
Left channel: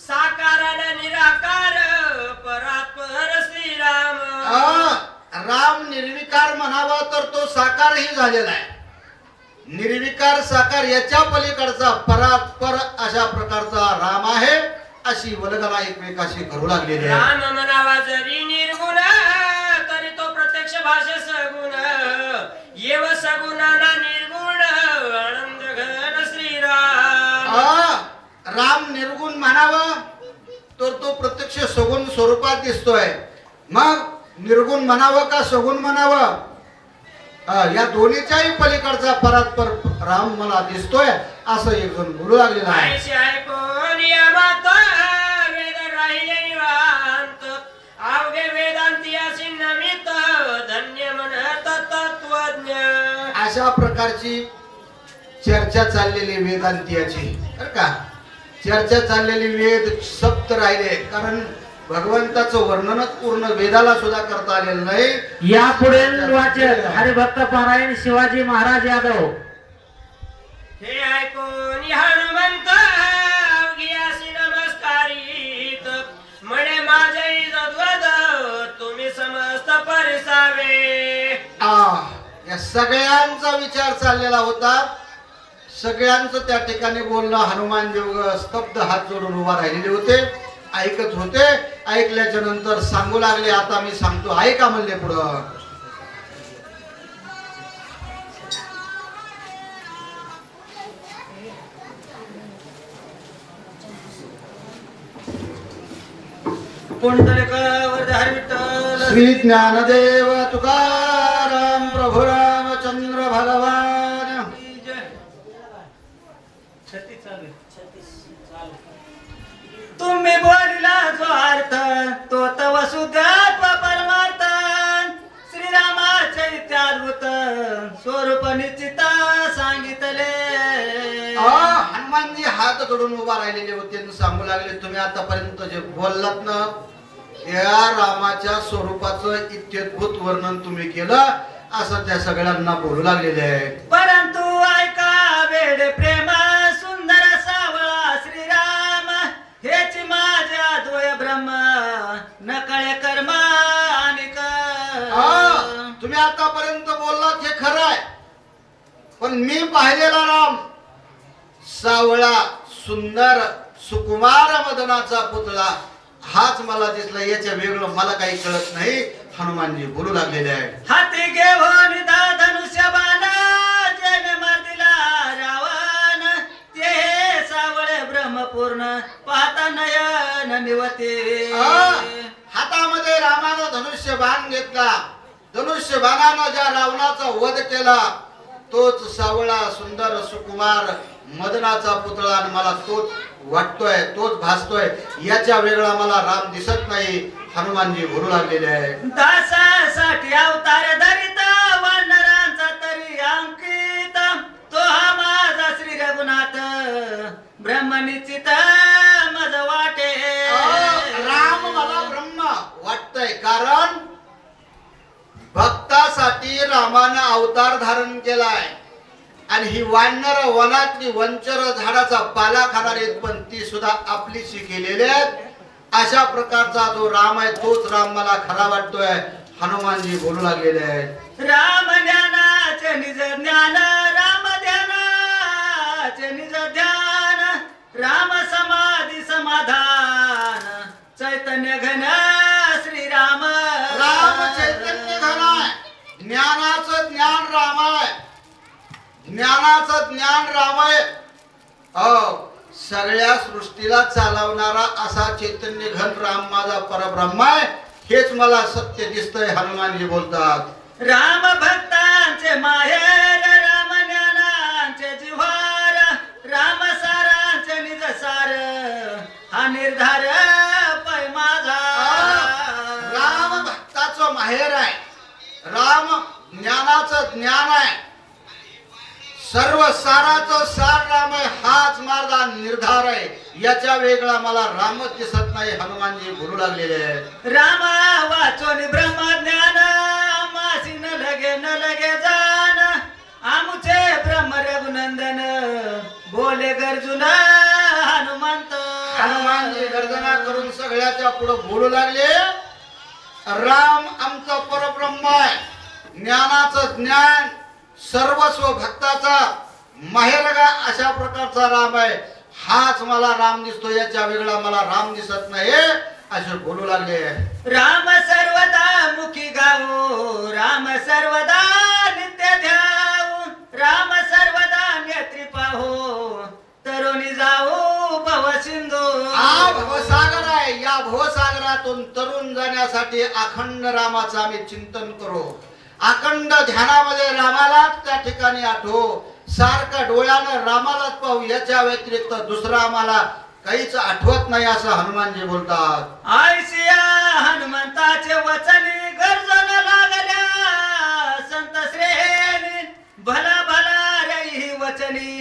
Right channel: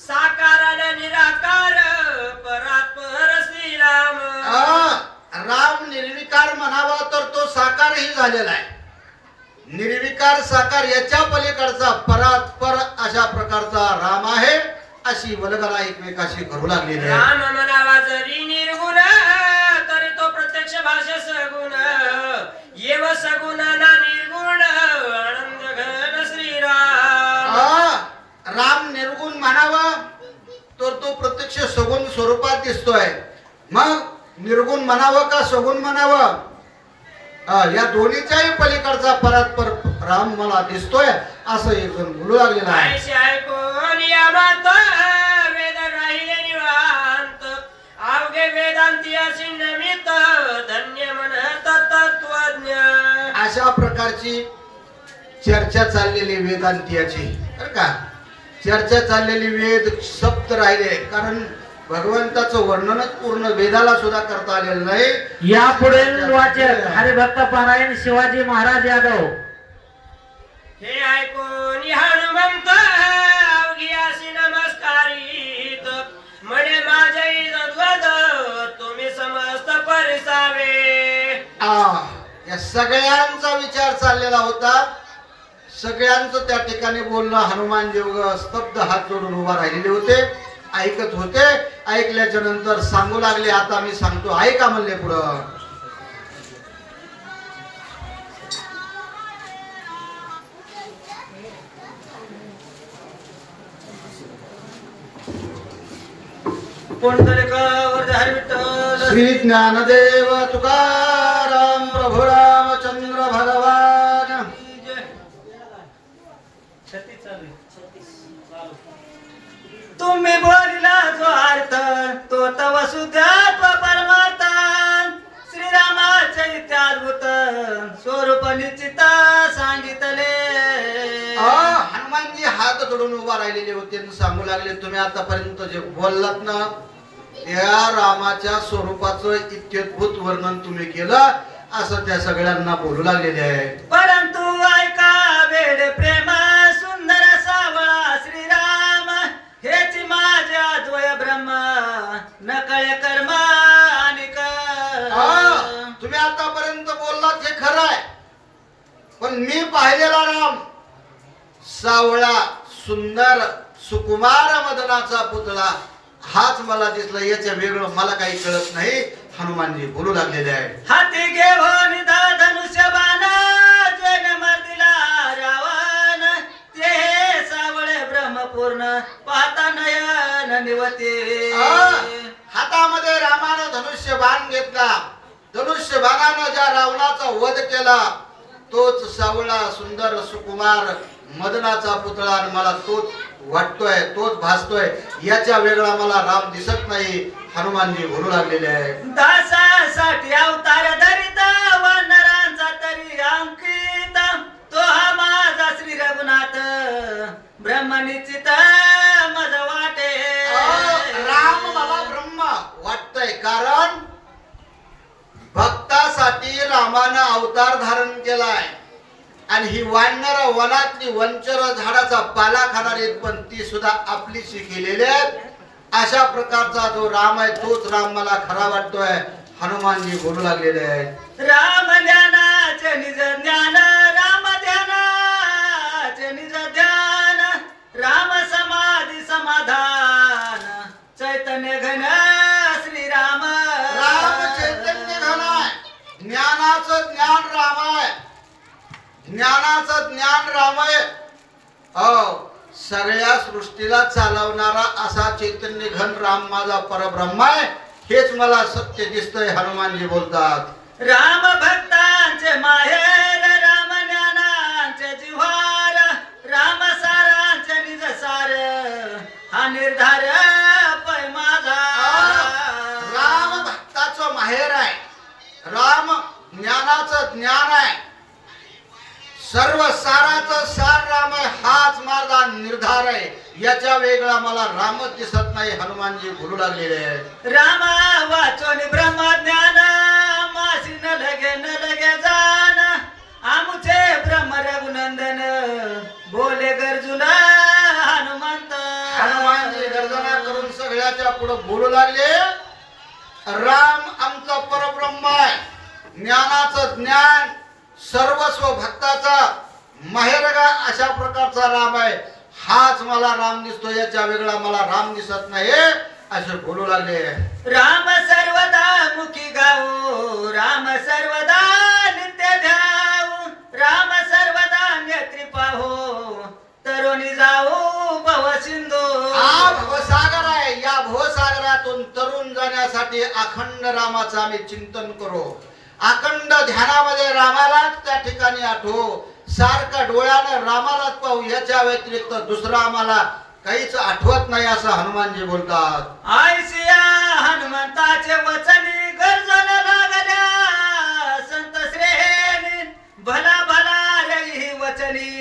साकार निराकार परात्पर श्रीराम. राम निर्विकार म्हणावा तर तो साकारही झालेला आहे. निर्विकार साकार याच्या पलीकडचा परात्पर अशा प्रकारचा राम आहे, अशी वल्गना एकमेकाशी करू लागलेली आहे. राम म्हणावा जरी निर्गुण तरी तो प्रत्यक्ष भाषे सगुण येव सगुणाना निर्गुण आनंद घन श्रीराम. राम निर्गुण म्हणावा तर तो प्रत्यक्ष सगुण स्वरूपात दिसतोय. मग निर्गुण म्हणावं का सगुण म्हणावं, या दोन्हीच्याही पलीकडचा परात्पर राम मला दिसतोय, असं एक जण बोलू लागलेला आहे. ऐशी ऐकून यामात वेद राहिले निवांत अवघे वेदांती अशी नमित धन्य म्हणत तत्वज्ञ. अशा प्रकारची चर्चा चाललेली वेदांतियाची, बरं का. चर्चा चाललेली वेद सप्त राहिले, कारण भगवंताचं वर्णनच पूर्ण वेदाला सुद्धा करता आलेलं नाही. या पुढील वाचक हरिभक्त पारायण शिवाजी महाराज यादव. हे ऐकून हनुमंत अवघी अशी नमस्कारित म्हणे माझे जद्वद तुम्ही समस्त परिसावे. या सगळ्यांचा विचार चाललेला होता. सगळ्यांचं त्या ठिकाणी बोलणं हनुमान देव स्तब्ध हात जोडून उभा राहिलेले होते, ऐकत होते. ऐकल्याच्या नंतर सांगू लागले, आता मी सांगतो ऐका म्हणले पुढं. पुंडलिक वरद हरी विठ्ठल श्री ज्ञानदेव तुकाराम प्रभु रामचंद्र भगवान तुम्ही बोलिला जो अर्थ तो तव शुद्ध परमार्थ श्रीरामाचे इत्याद्भुत स्वरूप निश्चित सांगितले. हनुमानजी हात जोडून उभा राहिलेले होते आणि सांगू लागले, तुम्ही आतापर्यंत जे बोललात ना त्या रामाच्या स्वरूपाचं इत्युद्भूत वर्णन तुम्ही केलं असं त्या सगळ्यांना बोलू लागलेले आहे. परंतु ऐका वेड प्रेम सुंदर सावळा श्रीराम हेच माझ्या द्वय ब्रह्म नकळे कर्म आणि तुम्ही आतापर्यंत बोललात हे खरं आहे, पण मी पाहिलेला राम सावळा सुंदर सुकुमार मदनाचा पुतळा हाच मला दिसला, याच्या वेगळं मला काही कळत नाही. हनुमानजी बोलू लागलेले आहे. हाती घेऊन धनुष्य बाण जन मर्दिला रावण ते सावळे ब्रह्मपूर्ण पाहता नयन निवते. हातामध्ये रामानं धनुष्य बाण घेतला, धनुष्य बाणानं ज्या रावणाचा वध केला तोच सावळा सुंदर सुकुमार मदनाचा पुतळा आणि मला तोच वाटतोय, तोच भासतोय, याच्या वेगळा मला राम दिसत नाही. हनुमानजी बोलू लागलेले आहे. दासासाठी अवतार धरिता वानरांचा तरी अंकित तो हा माझा श्री रघुनाथ ब्रह्मनिश्चित मज वाटे. राम मला ब्रह्म वाटतंय, कारण भक्तासाठी रामानं अवतार धारण केलाय आणि ही वानर वनातली वंचर झाडाचा पाला खाणार आहेत, पण ती सुद्धा आपलीशी केलेली आहेत. अशा प्रकारचा जो राम आहे तोच राम मला खरा वाटतोय. हनुमानजी बोलू लागलेले आहेत. राम ध्यानाचे निज ज्ञान राम ध्यानाचे निज ध्यान राम समाधी समाधान चैतन्य घन श्रीराम. राम चैतन्य घन आहे, ज्ञानाचं ज्ञान राम आहे, ज्ञानाचं ज्ञान राम आहे. सगळ्या सृष्टीला चालवणारा असा चैतन्य घन राम माझा परब्रह्म आहे, हेच मला सत्य दिसतंय. हनुमानजी बोलतात. राम भक्तांचे माहेर राम ज्ञानांचे जिव्हार राम सारांचे निज सार हा निर्धार पै माझा. राम भक्ताचं माहेर आहे, राम ज्ञानाचं ज्ञान आहे, सर्व साराचं सार राम आहे, हाच माझा निर्धार आहे. याच्या वेगळा मला रामच दिसत नाही. हनुमानजी बोलू लागलेले आहेत. राम वाचोनी ब्रह्मज्ञान मासी न लगे जान आमुचे ब्रह्म रघुनंदन बोले गर्जुन हनुमंत. हनुमानजी गर्जना करून सगळ्याच्या पुढे बोलू लागले, राम आमचा परब्रह्म आहे, ज्ञानाचं ज्ञान सर्वस्व भक्ताचा माहेरगा अशा प्रकारचा राम आहे, हाच मला राम दिसतो, याच्या वेगळा मला राम दिसत नाही असे बोलू लागले. राम सर्वदा मुखी गाऊ राम सर्वदा नित्य ध्याऊ राम सर्वदा नेत्री पाहो तरुणी जाऊ भव सिंधू. हा भवसागर आहे, या भवसागरातून तरुण जाण्यासाठी अखंड रामाचं आम्ही चिंतन करू, अखंड ध्यानामध्ये रामालाच त्या ठिकाणी आठवू, सारखं डोळ्यानं रामालाच पाहू, याच्या व्यतिरिक्त दुसरा आम्हाला काहीच आठवत नाही असं हनुमानजी बोलतात. आयसिया हनुमंताचे वचनी गर्जन लागल्या संत श्रेणी भला भला रे ही वचनी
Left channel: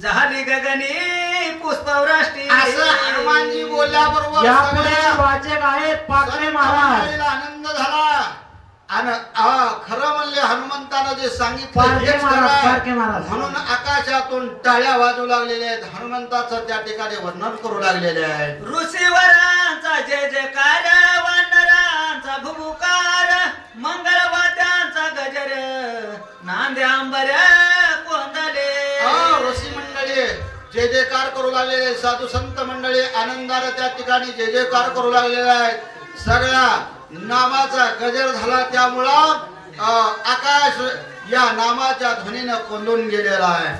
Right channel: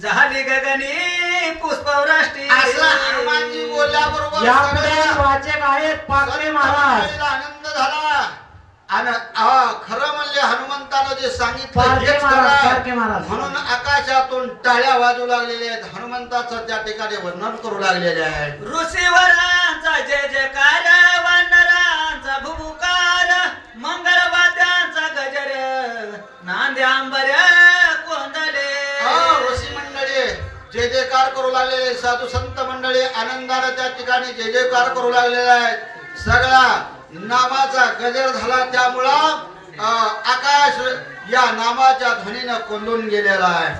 झाली गगनी पुष्पवृष्टी. असं हनुमानजी बोलल्याबरोबर यापुढे सगळ्या वाचक आहेत पाकळे महाराज. सगळ्यांना आनंद झाला आणि खरं म्हणले हनुमंतानं जे सांगितलं पारखे हेच महाराज, खरं पारखे आहे. महाराज. म्हणून आकाशातून टाळ्या वाजू लागलेल्या आहेत, हनुमंताचं त्या ठिकाणी वर्णन करू लागलेले आहे. ऋषीवरांचा जय जयकार वानरांचा भुभुकार मंगळवाद्यांचा गजर नांद्या अंबर कोंदले. ऋषी मंडळी जय जयकार करू लागलेले, साधू संत मंडळी आनंदाने त्या ठिकाणी जय जयकार करू लागलेले आहेत. सगळा नामाचा गजर झाला, त्यामुळं आकाश या नामाच्या ध्वनीनं कोंडून गेलेला आहे.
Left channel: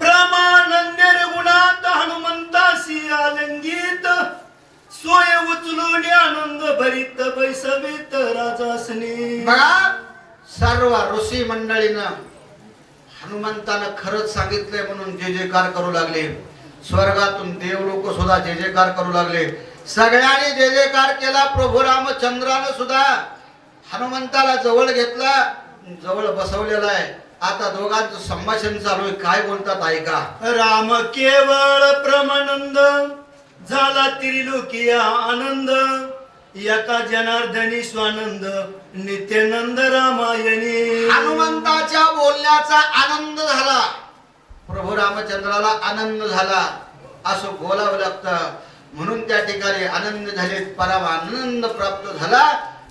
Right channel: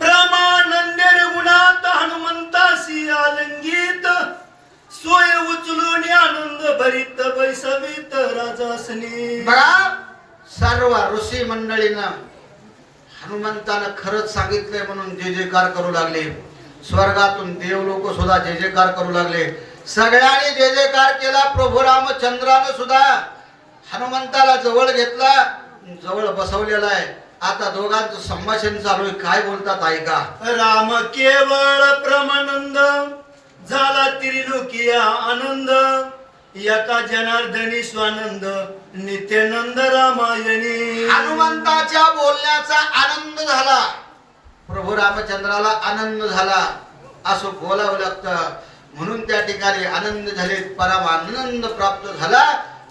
प्रमाण भरित बैसवित राजासनी. बघा सर्व ऋषी मंडळीनं हनुमंतानं खरंच सांगितलंय म्हणून जय जयकार करू लागले. स्वर्गातून देव लोक सुद्धा जय जयकार करू लागले. सगळ्यांनी जय जयकार केला. प्रभू रामचंद्रानं सुद्धा हनुमंताला जवळ घेतला, जवळ बसवलेला आहे. आता दोघांचं संभाषण चालू आहे. काय बोलतात ऐका. राम केवळ प्रमानंद झाला त्रिलोकीया आनंद. एका जनार्दनी स्वानंद नित्यानंद रामायणी. हनुमंताच्या बोलण्याचा आनंद झाला. प्रभू रामचंद्राला आनंद झाला असं बोलावं लागतं. म्हणून त्या ठिकाणी आनंद झाले, परम आनंद प्राप्त झाला.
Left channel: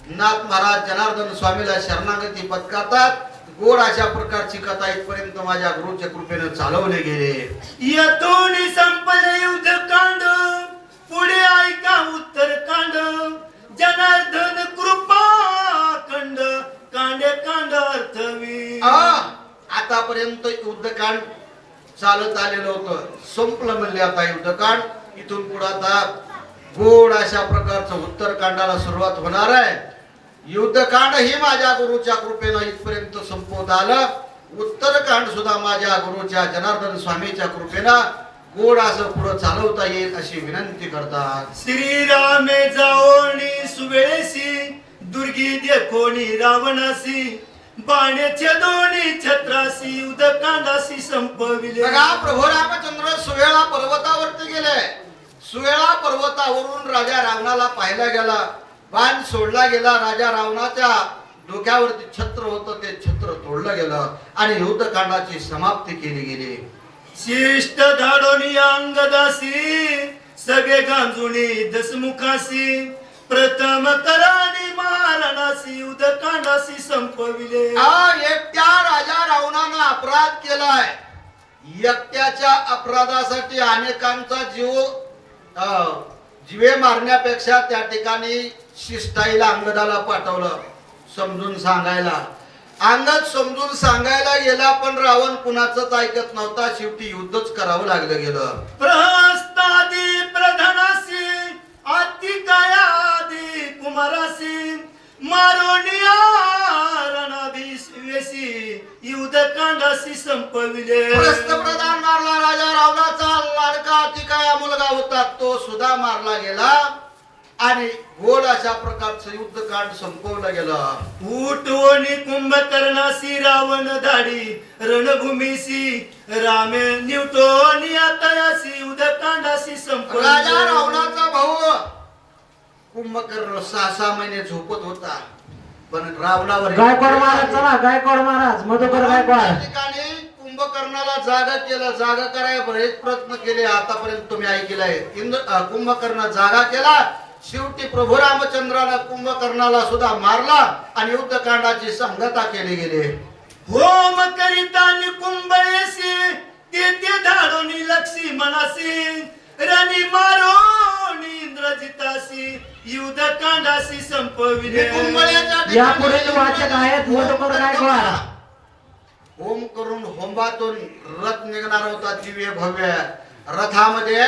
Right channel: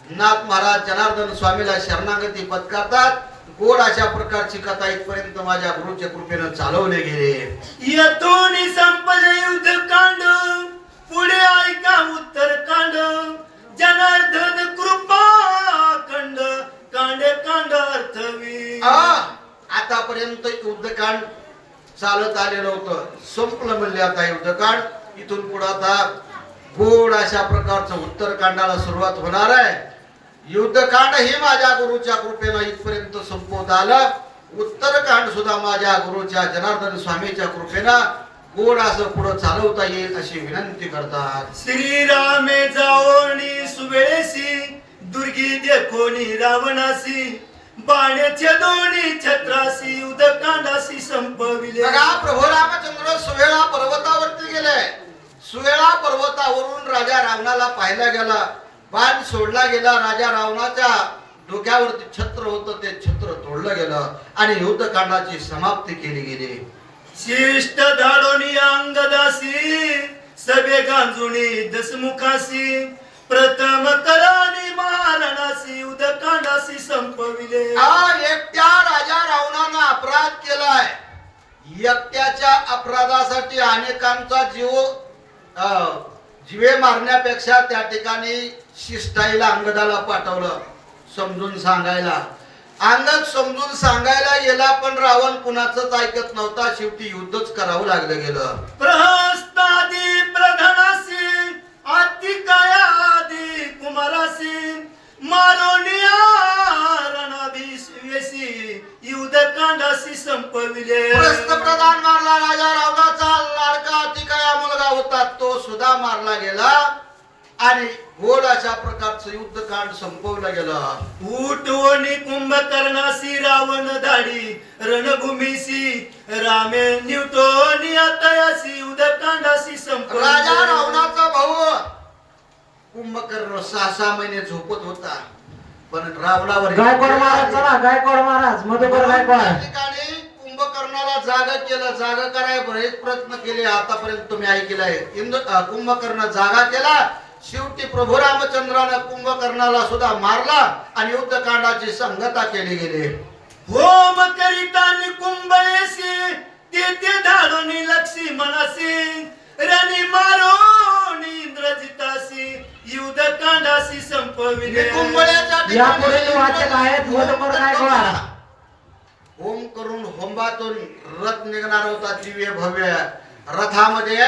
नाथ महाराज जनार्दन स्वामीला शरणागती पत्कारतात. गोड अशा प्रकारची कथा इथपर्यंत माझ्या गुरुच्या कृपेनं चालवले गेले. यातून संपले युद्धकांड, पुढे ऐका उत्तरकांड. जनार्दन कृपा खंड, कांडे कांड अर्थवी. आतापर्यंत युद्धकांड चालत आलेलं होतं, संपलं म्हणले आता युद्धकांड. इथून पुढे आता गोड अशा प्रकारचं उत्तरकांडाला सुरुवात होणार आहे. युद्धकांड हे माझ्या गुरुच्या कृपेनं इथपर्यंत संपवत आलं. उत्तरकांड सुद्धा माझ्या गुरुच्या जनार्दन स्वामीच्या कृपेनं गोड असं पुढे चालवता येईल अशी विनंती करतात. श्रीरामे जाओनी सुवेळेसी, दुर्गी देखोनी रावणासी. बाण्याच्या दोन्ही छत्रासी, उदकांडासी संपविले. बघा प्रभू रामचंद्र सुवेळा पर्वतावरती गेले. सुवेळा पर्वतावरून राजा रावणाला पाहायला गेला. बाण सोडला गेला. राजा रावणाच्या डोक्यावरती छत्र होतं, ते छत्र तोडलं गेलं आणि युद्धकांडाची समाप्ती केली गेली. शिष्ट धाडोनी अंगदासी, सगळे गांजुनी दसमुखासी. प्रथम करानी महाराणासी, उदकांडासी संपविले. एकट्या राजा रावणानं अपराध केलाय. एकट्याच्या अपराधासाठी अनेकांचा जीवे मारण्यापेक्षा त्या ठिकाणी शिष्टाईला अंगदाला पाठवलं समजून सांगायला. अंगद समजून सांगायला गेला, पण रावण कुणाचंच ऐकत नव्हता. शेवटी युद्धच करावं लागलं गेलं. प्रहस्तादी प्रधानासी, आतिकायादी कुमारासी. मारोनिया रणभिवेसी, युद्धकांडासी संपविले. प्रधान मारला. राजा रावणाचा लाडका अतिकाया मुलगा होता, तो सुद्धा मारला गेला आणि गोड अशा प्रकारचं युद्धकांड संपवलं गेलं. उठवणी कुंभकर्णासी, रावण धाडी रणभूमीसी. रामे निवटोनी आतयासी, उदकांडासी राजा संपविले. रावणाचा भाऊ कुंभकर्ण 6 महिने झोपत होता, पण रावणावर गायकवाड महाराज चला, गायकवाड महाराज, मधुकर त्या गायकवाड. ठिकाणी कुंभकर्णाला जागा केलं. जागा करायला बरेच प्रयत्न केले, आतापर्यंत तुम्ही ऐकलंय. कुंभकर्ण जागा केला. शेवटी प्रभू रामचंद्रानं कुंभकर्णाला सुद्धा मारला आणि युद्धकांडाची संगता केली गेली. होम करिता कुंभयसी, ते धाडोनी लक्षी मनासी. रणी मारोनी इंद्रजितासी, युद्धकांडासी संपविले. या पुढे वाचक आहेत मधुकर गायकवाड. होम करून होंबातून रथ निघणार होता, दिव्य भव्य. रथामध्ये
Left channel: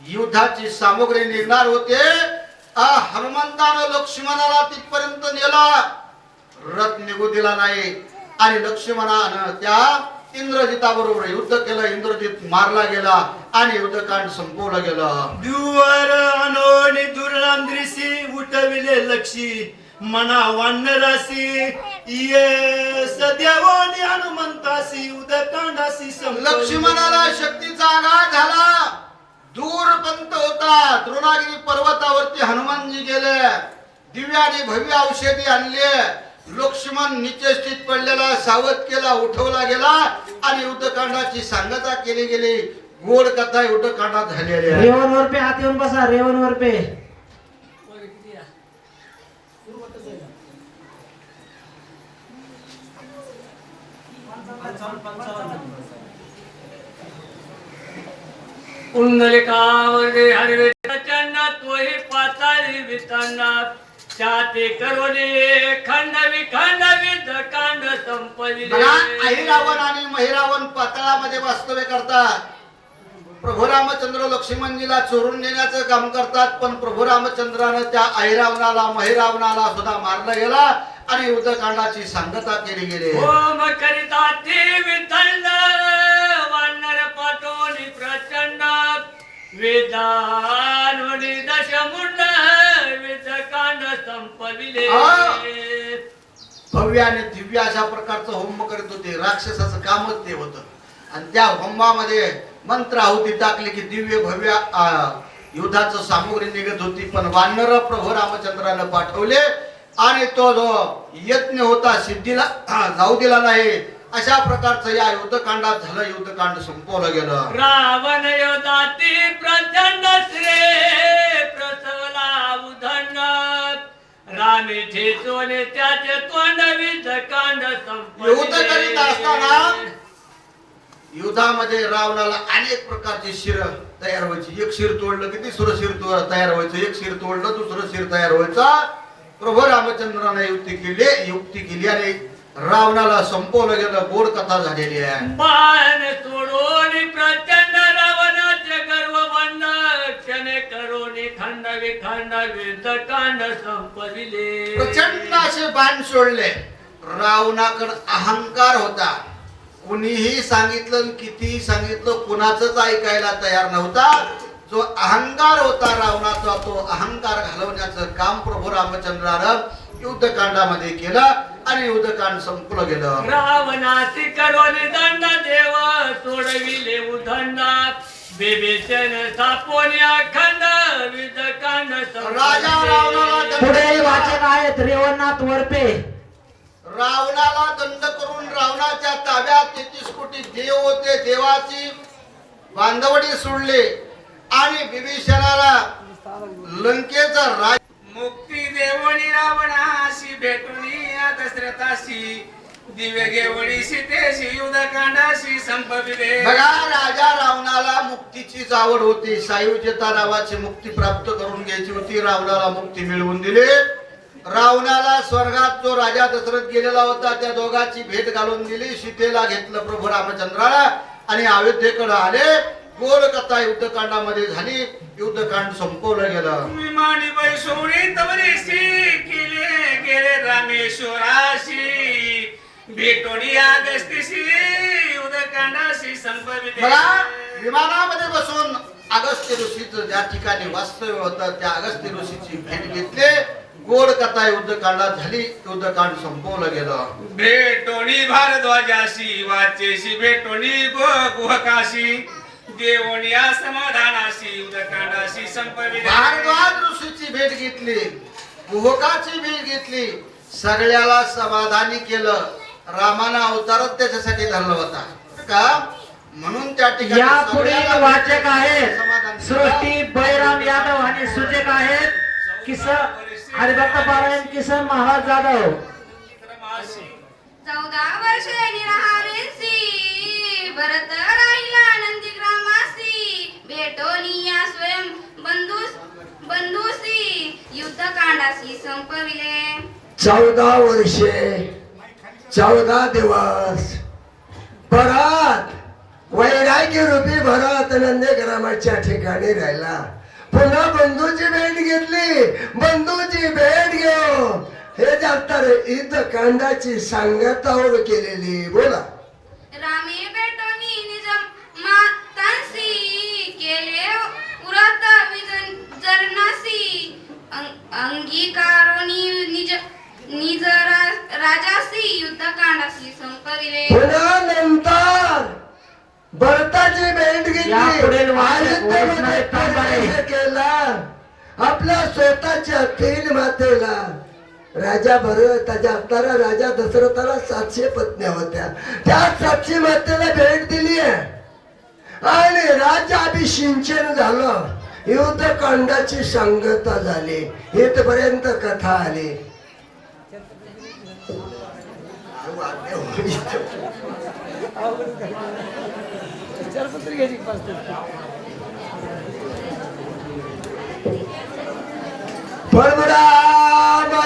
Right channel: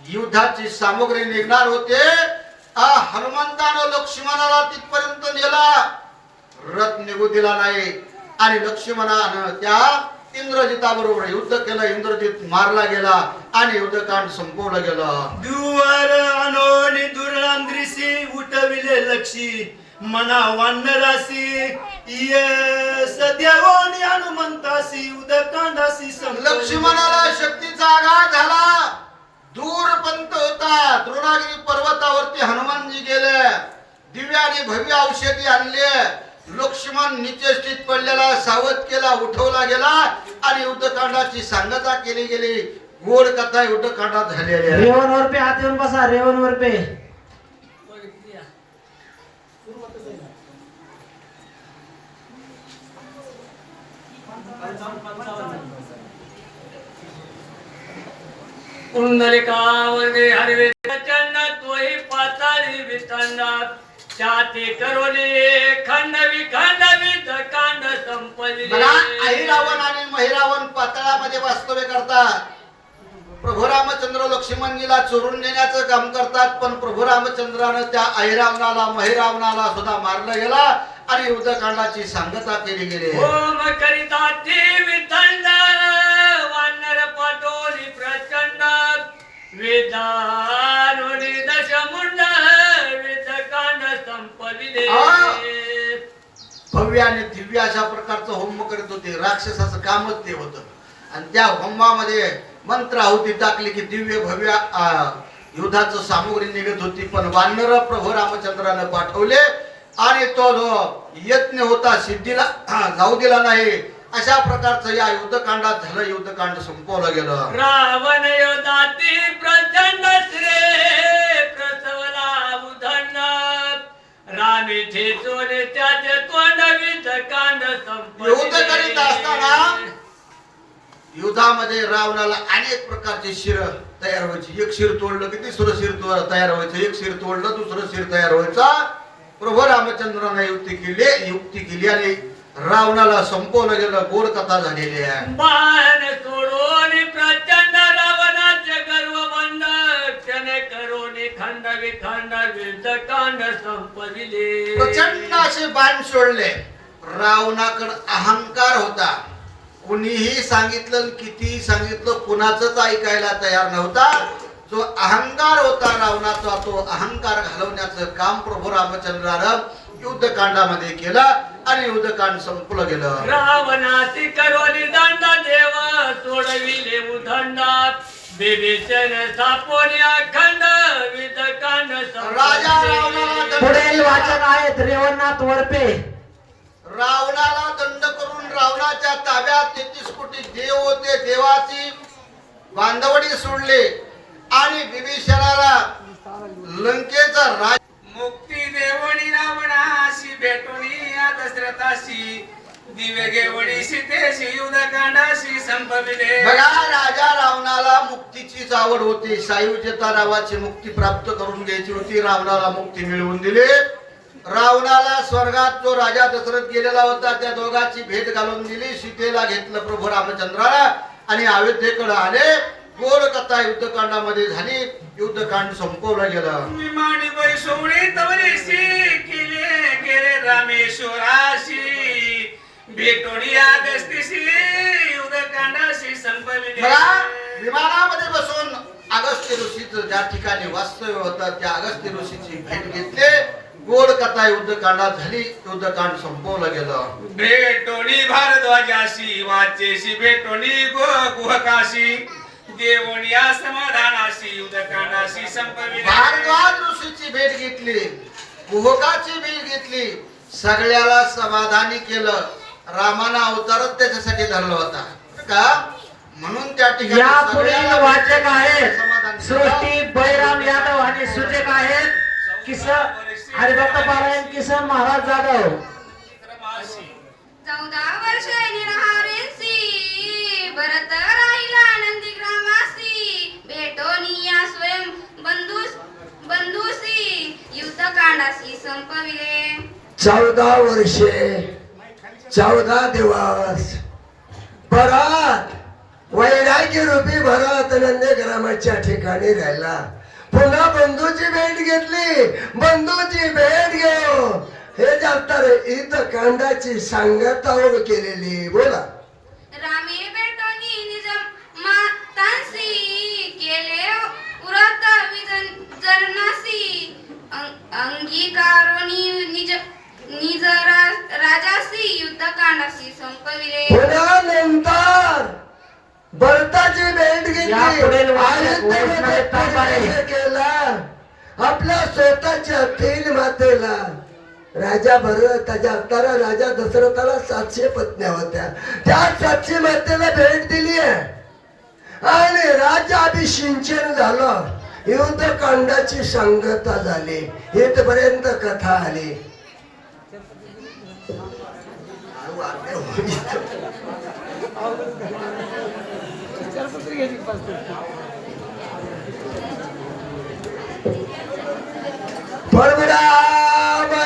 युद्धाची सामग्री निघणार होते. हनुमंतानं लक्ष्मणाला तिथपर्यंत नेला, रथ निघू दिला नाही आणि लक्ष्मणानं त्या इंद्रजिताबरोबर युद्ध केलं. इंद्रजित मारला गेला आणि युद्धकांड संपवलं गेलं. दुवार अनोनी दुर्लांद्रीसी, उठविले लक्षी मना वानरासी. ये सदेवानी हनुमंतासी, उदकांडासी संपविले. लक्ष्मणाला शक्तीचा आघात झाला. दूर पंत होता. द्रोणागिरी पर्वतावरती हनुमानजी गेले. दिव्य आणि भव्य औषधी आणले. लक्ष्मण नित्य स्थित पडलेला सावध केला, उठवला गेला आणि युद्धकांडाची सांगता केली गेली. गोड कथा युद्धकांडात झालेली आहे. रेवणवर पे हात येऊन बसा, रेवणवर पे. पुंडलिकावर्गे हरिवे चन्ना, तोही पाताळी वितनात. छाती करोली खंड विखंड विधकांड संपविले. मला आई रावण आणि महिरावण पातळामध्ये वास्तव्य करतात. प्रभू रामचंद्र लक्ष्मणजीला चोरून नेण्याचं काम करतात, पण प्रभू रामचंद्रानं त्या ऐरावणाला महिरावणाला सुद्धा मारलं गेला आणि युद्धकांडाची सांगता केली गेली. होम करिता ते विथंड वानर पाठवली प्रचंड वेदानुनी दशमुंड वेदकांड संपविले. भव्य आणि दिव्य अशा प्रकारचं होम करीत होते. राक्षसाचं कामच ते होतं. आणि त्या होमामध्ये मंत्र आहुती टाकली की दिव्य भव्य युद्धाचं सामुग्री निघत होती. पण वानर प्रभू रामचंद्रानं पाठवले आणि तो जो यज्ञ होता सिद्धीला जाऊ दिला नाही. अशा प्रकारचं या युद्धकांडात झालं. युद्धकांड संपवलं गेलं. रावण योधाती प्रचंड श्रे प्रसवला उधंड रामी ठेचोने त्याचे तोंड विधकांड युद्ध करीत असताना युद्धामध्ये रावणाला अनेक प्रकारचे शिर तयार व्हायची. एक शिर तोडलं की दुसरं शिर तयार व्हायचं. एक शिर तोडलं दुसरं शिर तयार व्हायचा. प्रभू रामचंद्राने युक्ती केली आणि रावणाला संपवलं गेलं. गोड कथा झालेली आहे. बाण सोडून प्रचंड रावणाचे गर्व बंड क्षणे करून खंड विखंड विधकांड संपविले. प्रचंड असे बाण सोडले. रावणाकडे अहंकार होता. कुणीही सांगितलं कितीही सांगितलं कुणाचंच ऐकायला तयार नव्हता. जो अहंकार होता रावणाचा तो अहंकार घालवण्याचं काम प्रभू रामचंद्रानं युद्धकांडामध्ये केलं आणि युद्धकांड संपलं गेलं. रावणाची करोनी दंड देव सोडविले उदंड बिभीषण सापोनी अखंड विधकांड राजा रावणाला पुढील वाचक आहेत रेवणनाथ वरपे. रावणाला दंड करून रावणाच्या ताब्यात 33 कोटी देव होते. देवाची बांधवडी सोडले आणि विभीषणाला लंकेचा राज मुक्ती देवणी रावणाशी भेटुनी दशरथाशी दिव्य घेवणी सीतेशी युद्धकांडाशी संपविले. बघा राजा रावणाला मुक्तीचीच आवड होती. सायुज्यता नावाची मुक्ती प्राप्त करून घ्यायची होती. रावणाला मुक्ती मिळवून दिली. रावणाला स्वर्गात जो राजा दशरथ गेलेला होता त्या दोघांची भेट घालून दिली. सीतेला घेतलं प्रभू रामचंद्राला आणि अयोध्येकडे आले. गोल कथा युद्धकांडामध्ये झाली. युद्धकांड संपवलं गेलं. विमानी बैसोणी तवरीशी केले गेले रामेश्वराशी भेटोणी अगस्तीशी युद्धकांडाशी संपविले. बघा विमानामध्ये बसून अगस्त्य ऋषीचं ज्या ठिकाणी वास्तव्य होतं त्या अगस्त्य ऋषीची भेट घेतली. गोड कथा युद्धकांडात झाली. युद्धकांड संपवलं गेलं. भेटोणी भारद्वाजाशी वाचेशी भेटोणी गुहकाशी देवोनी समाधानाशी युद्धकांडाशी संपविले. भारद्वाज ऋषीची भेट घेतली. गुहकाची भेट घेतली. सगळ्याला समाधानी केलं. रामानं अवतारच त्याच्यासाठी धरला होता का म्हणून त्या ठिकाणी या पुढील सगळ्याला वाचक आहेत समाधान केलं. सृष्टी बैराम यादव आणि सूचक आहेत किसन हरिभक्त पारायण किसन महाराज जाधव. 14 वर्षे निराहारेसी भरत राहिला नंदीग्रामासी भेटोनिया स्वयं बंधुसी युद्धकांडाशी संपविले. 14 वर्षे 14 दिवस परत वैराग्य रूपी भरत नंदीग्रामाच्या ठिकाणी राहिला. पुन्हा बंधूची भेट घेतली. बंधूची भेट घेऊ हे जातात युद्धकांडाची सांगता केलेली. बोला. रामे भेटोनी निज मातांसी केले उरत विजनासी अंगीकारोनी निज राजासी युद्धकांडाशी संपविले. पुन्हा नंतर भरताची भेट या पुढील घेतली. वाचक वैष्णव तांबारे. केला आपल्या स्वतःच्या 3 मातेला. राजा भरत त्याच्या अवतारा राजा दशरथाला 700 पत्न्या होत्या. त्या 700 मातेला भेट दिली आहे आणि राज्याभिषेचन झालं. युद्धकांडाची सांगता झाली. इथपर्यंत कथा आली.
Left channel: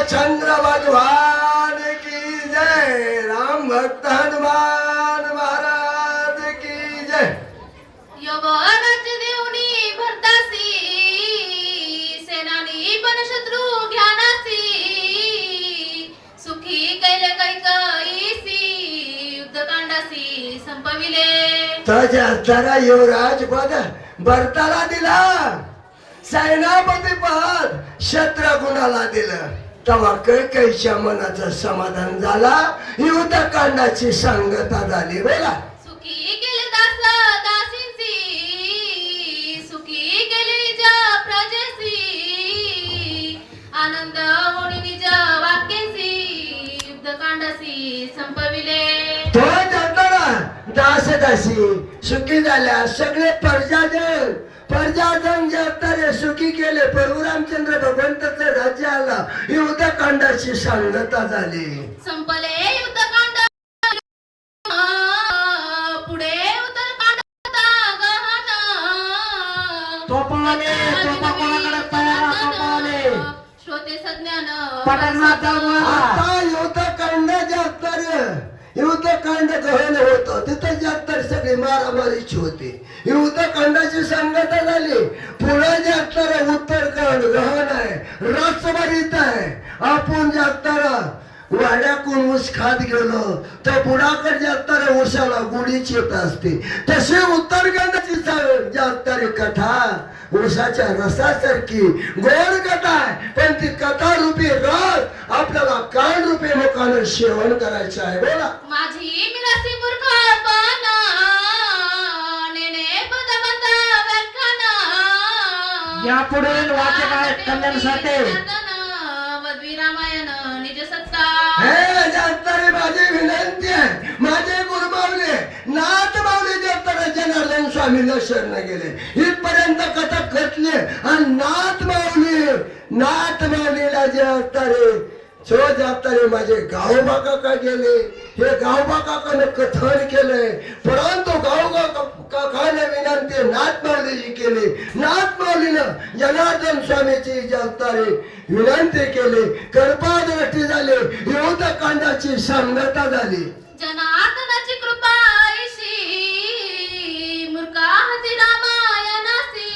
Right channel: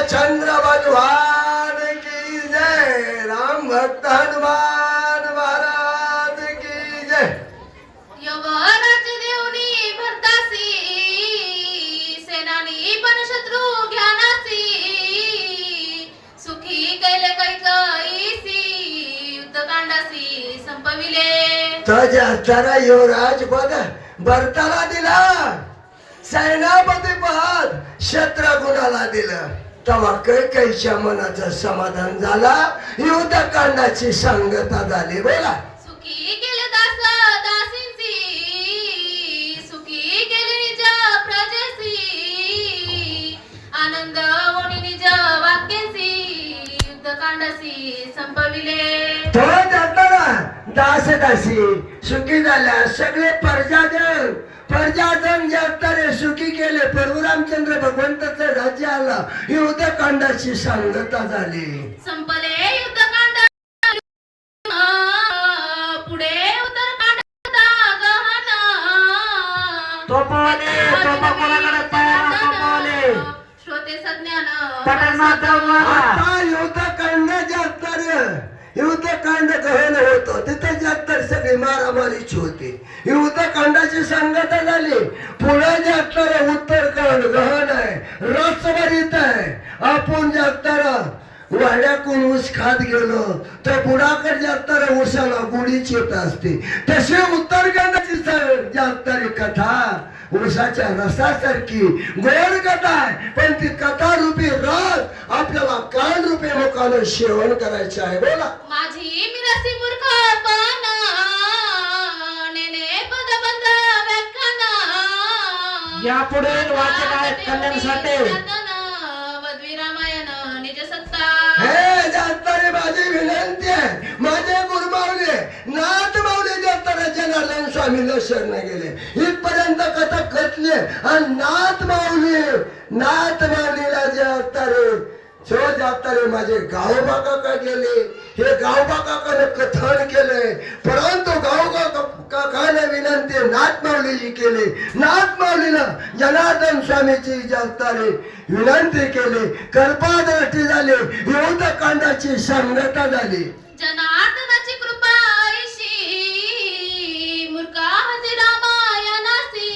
रामचंद्र भगवान की जय. राम भक्त हनुमान महाराज की जय. यवनाची युद्धकांडासी संपविले. त्याच्या जरा युवराज पद भरताला दिला, सेनापती पद शत्रुघ्नाला दिलं. तेव्हा कैकेयीच्या मनाचं समाधान झाला, युद्धकांडाची सांगता झाली. बोला. सुखी केले दास दासींची, सुखी केली निज प्रजेसी, आनंद ओढी निज वाक्यासी, युद्धकांडासी संपविले. तो जाताना दास दासी सुखी झाल्या, सगळे प्रजाजन जातारे सुखी केले. प्रभू रामचंद्र भगवंताचं राज्य आला, युद्धकांडाची सांगता झाली. संपले युद्धकांड, पुढे उत्तरकांडाचा गहन. तोफावाले, तोफा कोणाकडे पाया, तोफावाले. श्रोते सज्ञान पटकनाथ जाऊन आता युद्धकांड जातार, युद्धकांड गहन होतं, तिथे जातार सगळी मारामारीची होती. युद्धकांडाची सांगता झाली. पुढे जातार उत्तरकांड गहन आहे, रसभरीत आहे. आपण जातार वाड्याकून ऊस खात गेलो तर बुडाकडे जाताना ऊसाला गुढीच येत असते. तसे उत्तरकांडाची जातारी कथा ऊसाच्या रसासारखी गोड कथा आहे, पण ती कथा रूपी रस आपल्याला कान रूपी मुखानं सेवन करायचं आहे. बोला. माझी मिरासी मूर्खपण, नेने पदबंध व्याख्यान. यापुढे वाचक आहेत कल्याण साठे. वद्वी रामायण निज सत्ता. हे जातारे माझी विनंती आहे, माझे गुरुमावले नाथ मावले जाताना जनार्दन स्वामीला शरण गेले, इथपर्यंत कथा कथले. आणि नाथ माऊलीला जातारे जो जातारे माझे गावबा काका गेले. हे गावबा काकाने कथन केलंय, परंतु काकाने विनंती नाथ माऊलीची केली. नाथ माऊलीनं जनार्दन स्वामीची जातारे विनंती केली. कर्पादृष्टी झाली, युद्धकांडाची सांगता झाली. जनार्दनाची कृपा ऐशी, मूर्खाची रामायणासी.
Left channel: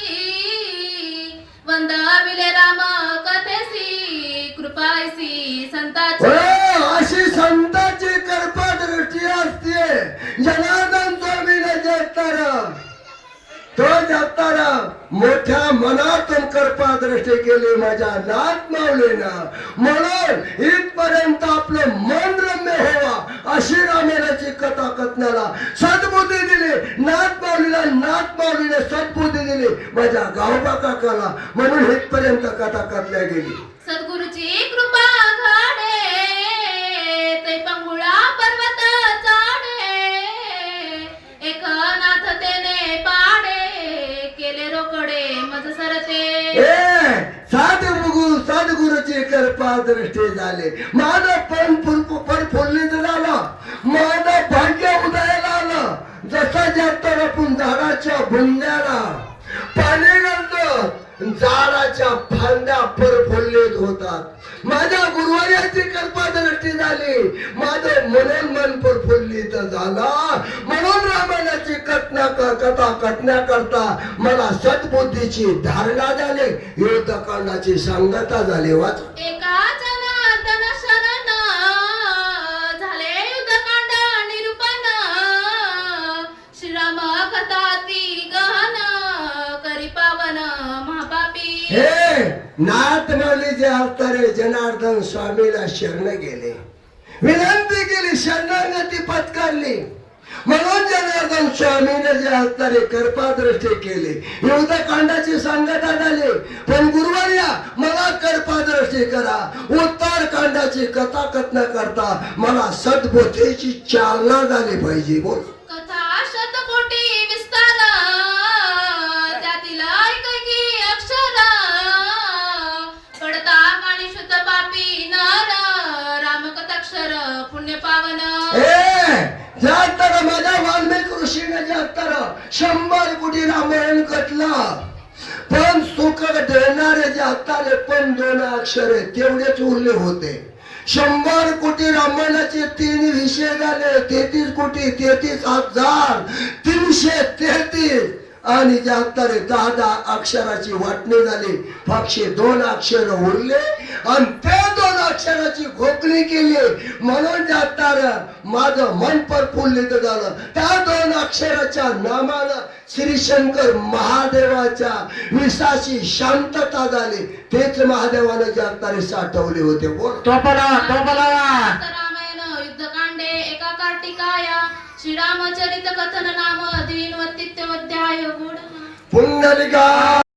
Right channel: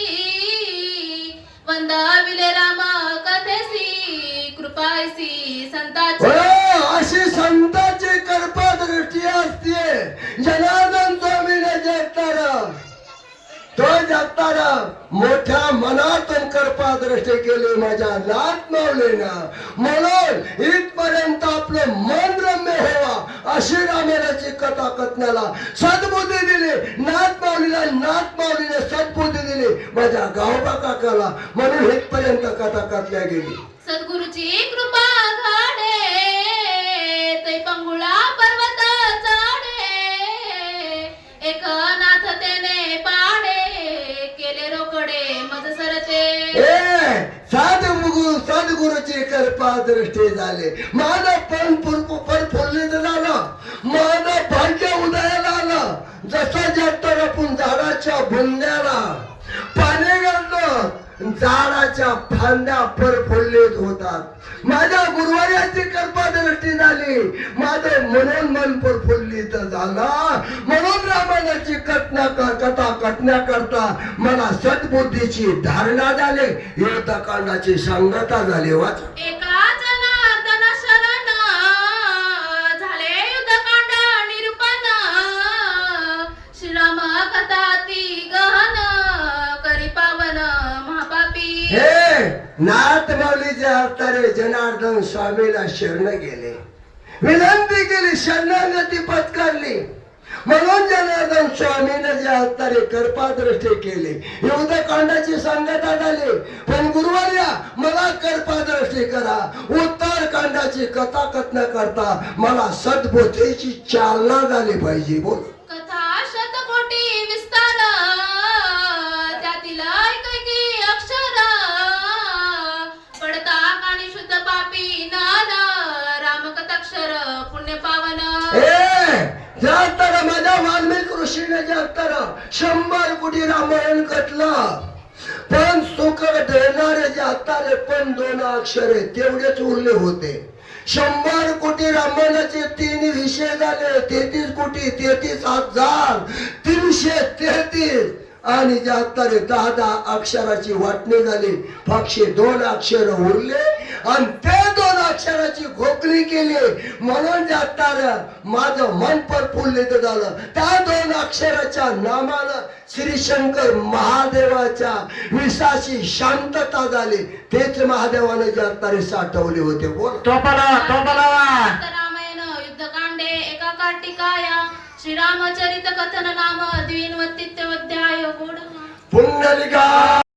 वंदाविले राम कथेसी, कृपा ऐशी संताची. अशी संताची कर्पदृष्टी असते. जनार्दन स्वामीने जातारा, तो जातारा मोठ्या मनातून कर्पादृष्टी केली माझ्या नाथ माऊलीनं. म्हणून इथपर्यंत आपलं मन रम्य व्हावा अशी रामायणाची कथा कथनाला सद्बुद्धी दिली नाथ माऊलीला. नाथ माऊलीने सद्बुद्धी दिली माझ्या गावबा काकाला, म्हणून इथपर्यंत कथा कथल्या गेली. सद्गुरूची कृपा घडे, तै पंगुळा पर्वत चाडे. एक नाथ तेने पाडे, केले रोकडे मज सरते. सद्गुरूची कृपा दृष्टी झाली. माझं पण फुललीत झालं, माझं भाग्य उदयाला आलं. जसं जातं आपण झाडाच्या बुंद्याला पाणी घालतो, झाडाच्या फांद्या प्रफुल्लित होतात. माझ्या गुरुवार्याची कृपा दृष्टी झाली, माझं म्हणून मन प्रफुल्लित झाला. म्हणून रामायणाची कथा कथण्याकरता मला सद्बुद्धीची धारणा झाली, युद्धकांडाची सांगता झाली. वाच. एका जनार्दन शरण, झाले युद्धकांड निरूपण. श्रीराम कथा ती गहन, करी पावन महापापी. हे नाथ माऊलीचे अवतारे जनार्दन स्वामीला शरण गेले, विनंती केली, शरणागती पत्करली. म्हणून जनार्दन स्वामीने जे अवतारे कृपादृष्टी केली, युद्धकांडाची सांगता झाली. पण गुरुवार्या मला कृपादृष्टी करा, उत्तरकांडाची कथा कथन करता मला सद्बुद्धीची चालना झाली पाहिजे. बोल. कथा शतकोटी विस्तार, त्यातील ऐकैकी अक्षर. पडता काणी शुद्ध पापी नर, रामकथाक्षर पुण्य पावन. जाताना माझ्या वाल्मिकी ऋषीने जाताना 100 कोटी रामायण कथलं, पण सुख देणारे जाताले पण 2 अक्षर तेवढेच उरले होते. 100 कोटी रामायणाचे 3 विषय झाले, 33 कोटी 33,333 आणि जाताले 10 अक्षराची वाटणी झाली. पक्षी 2 अक्षर उरले आणि ते 2 अक्षराची मनाची खोकली केली म्हणून जाणार माझं मन प्रफुल्लित झालं. त्या 2 अक्षराच्या नामानं श्री शंकर महादेवाच्या विश्वाची शांतता झाली. तेच महादेवानं जागतारे साठवले होते. बोल टोपला रामायण युद्धकांडे एका कार्तिकाया श्रीरामचरित कथन नाम द्विनवतित्व अध्याय गुण पुंडलिका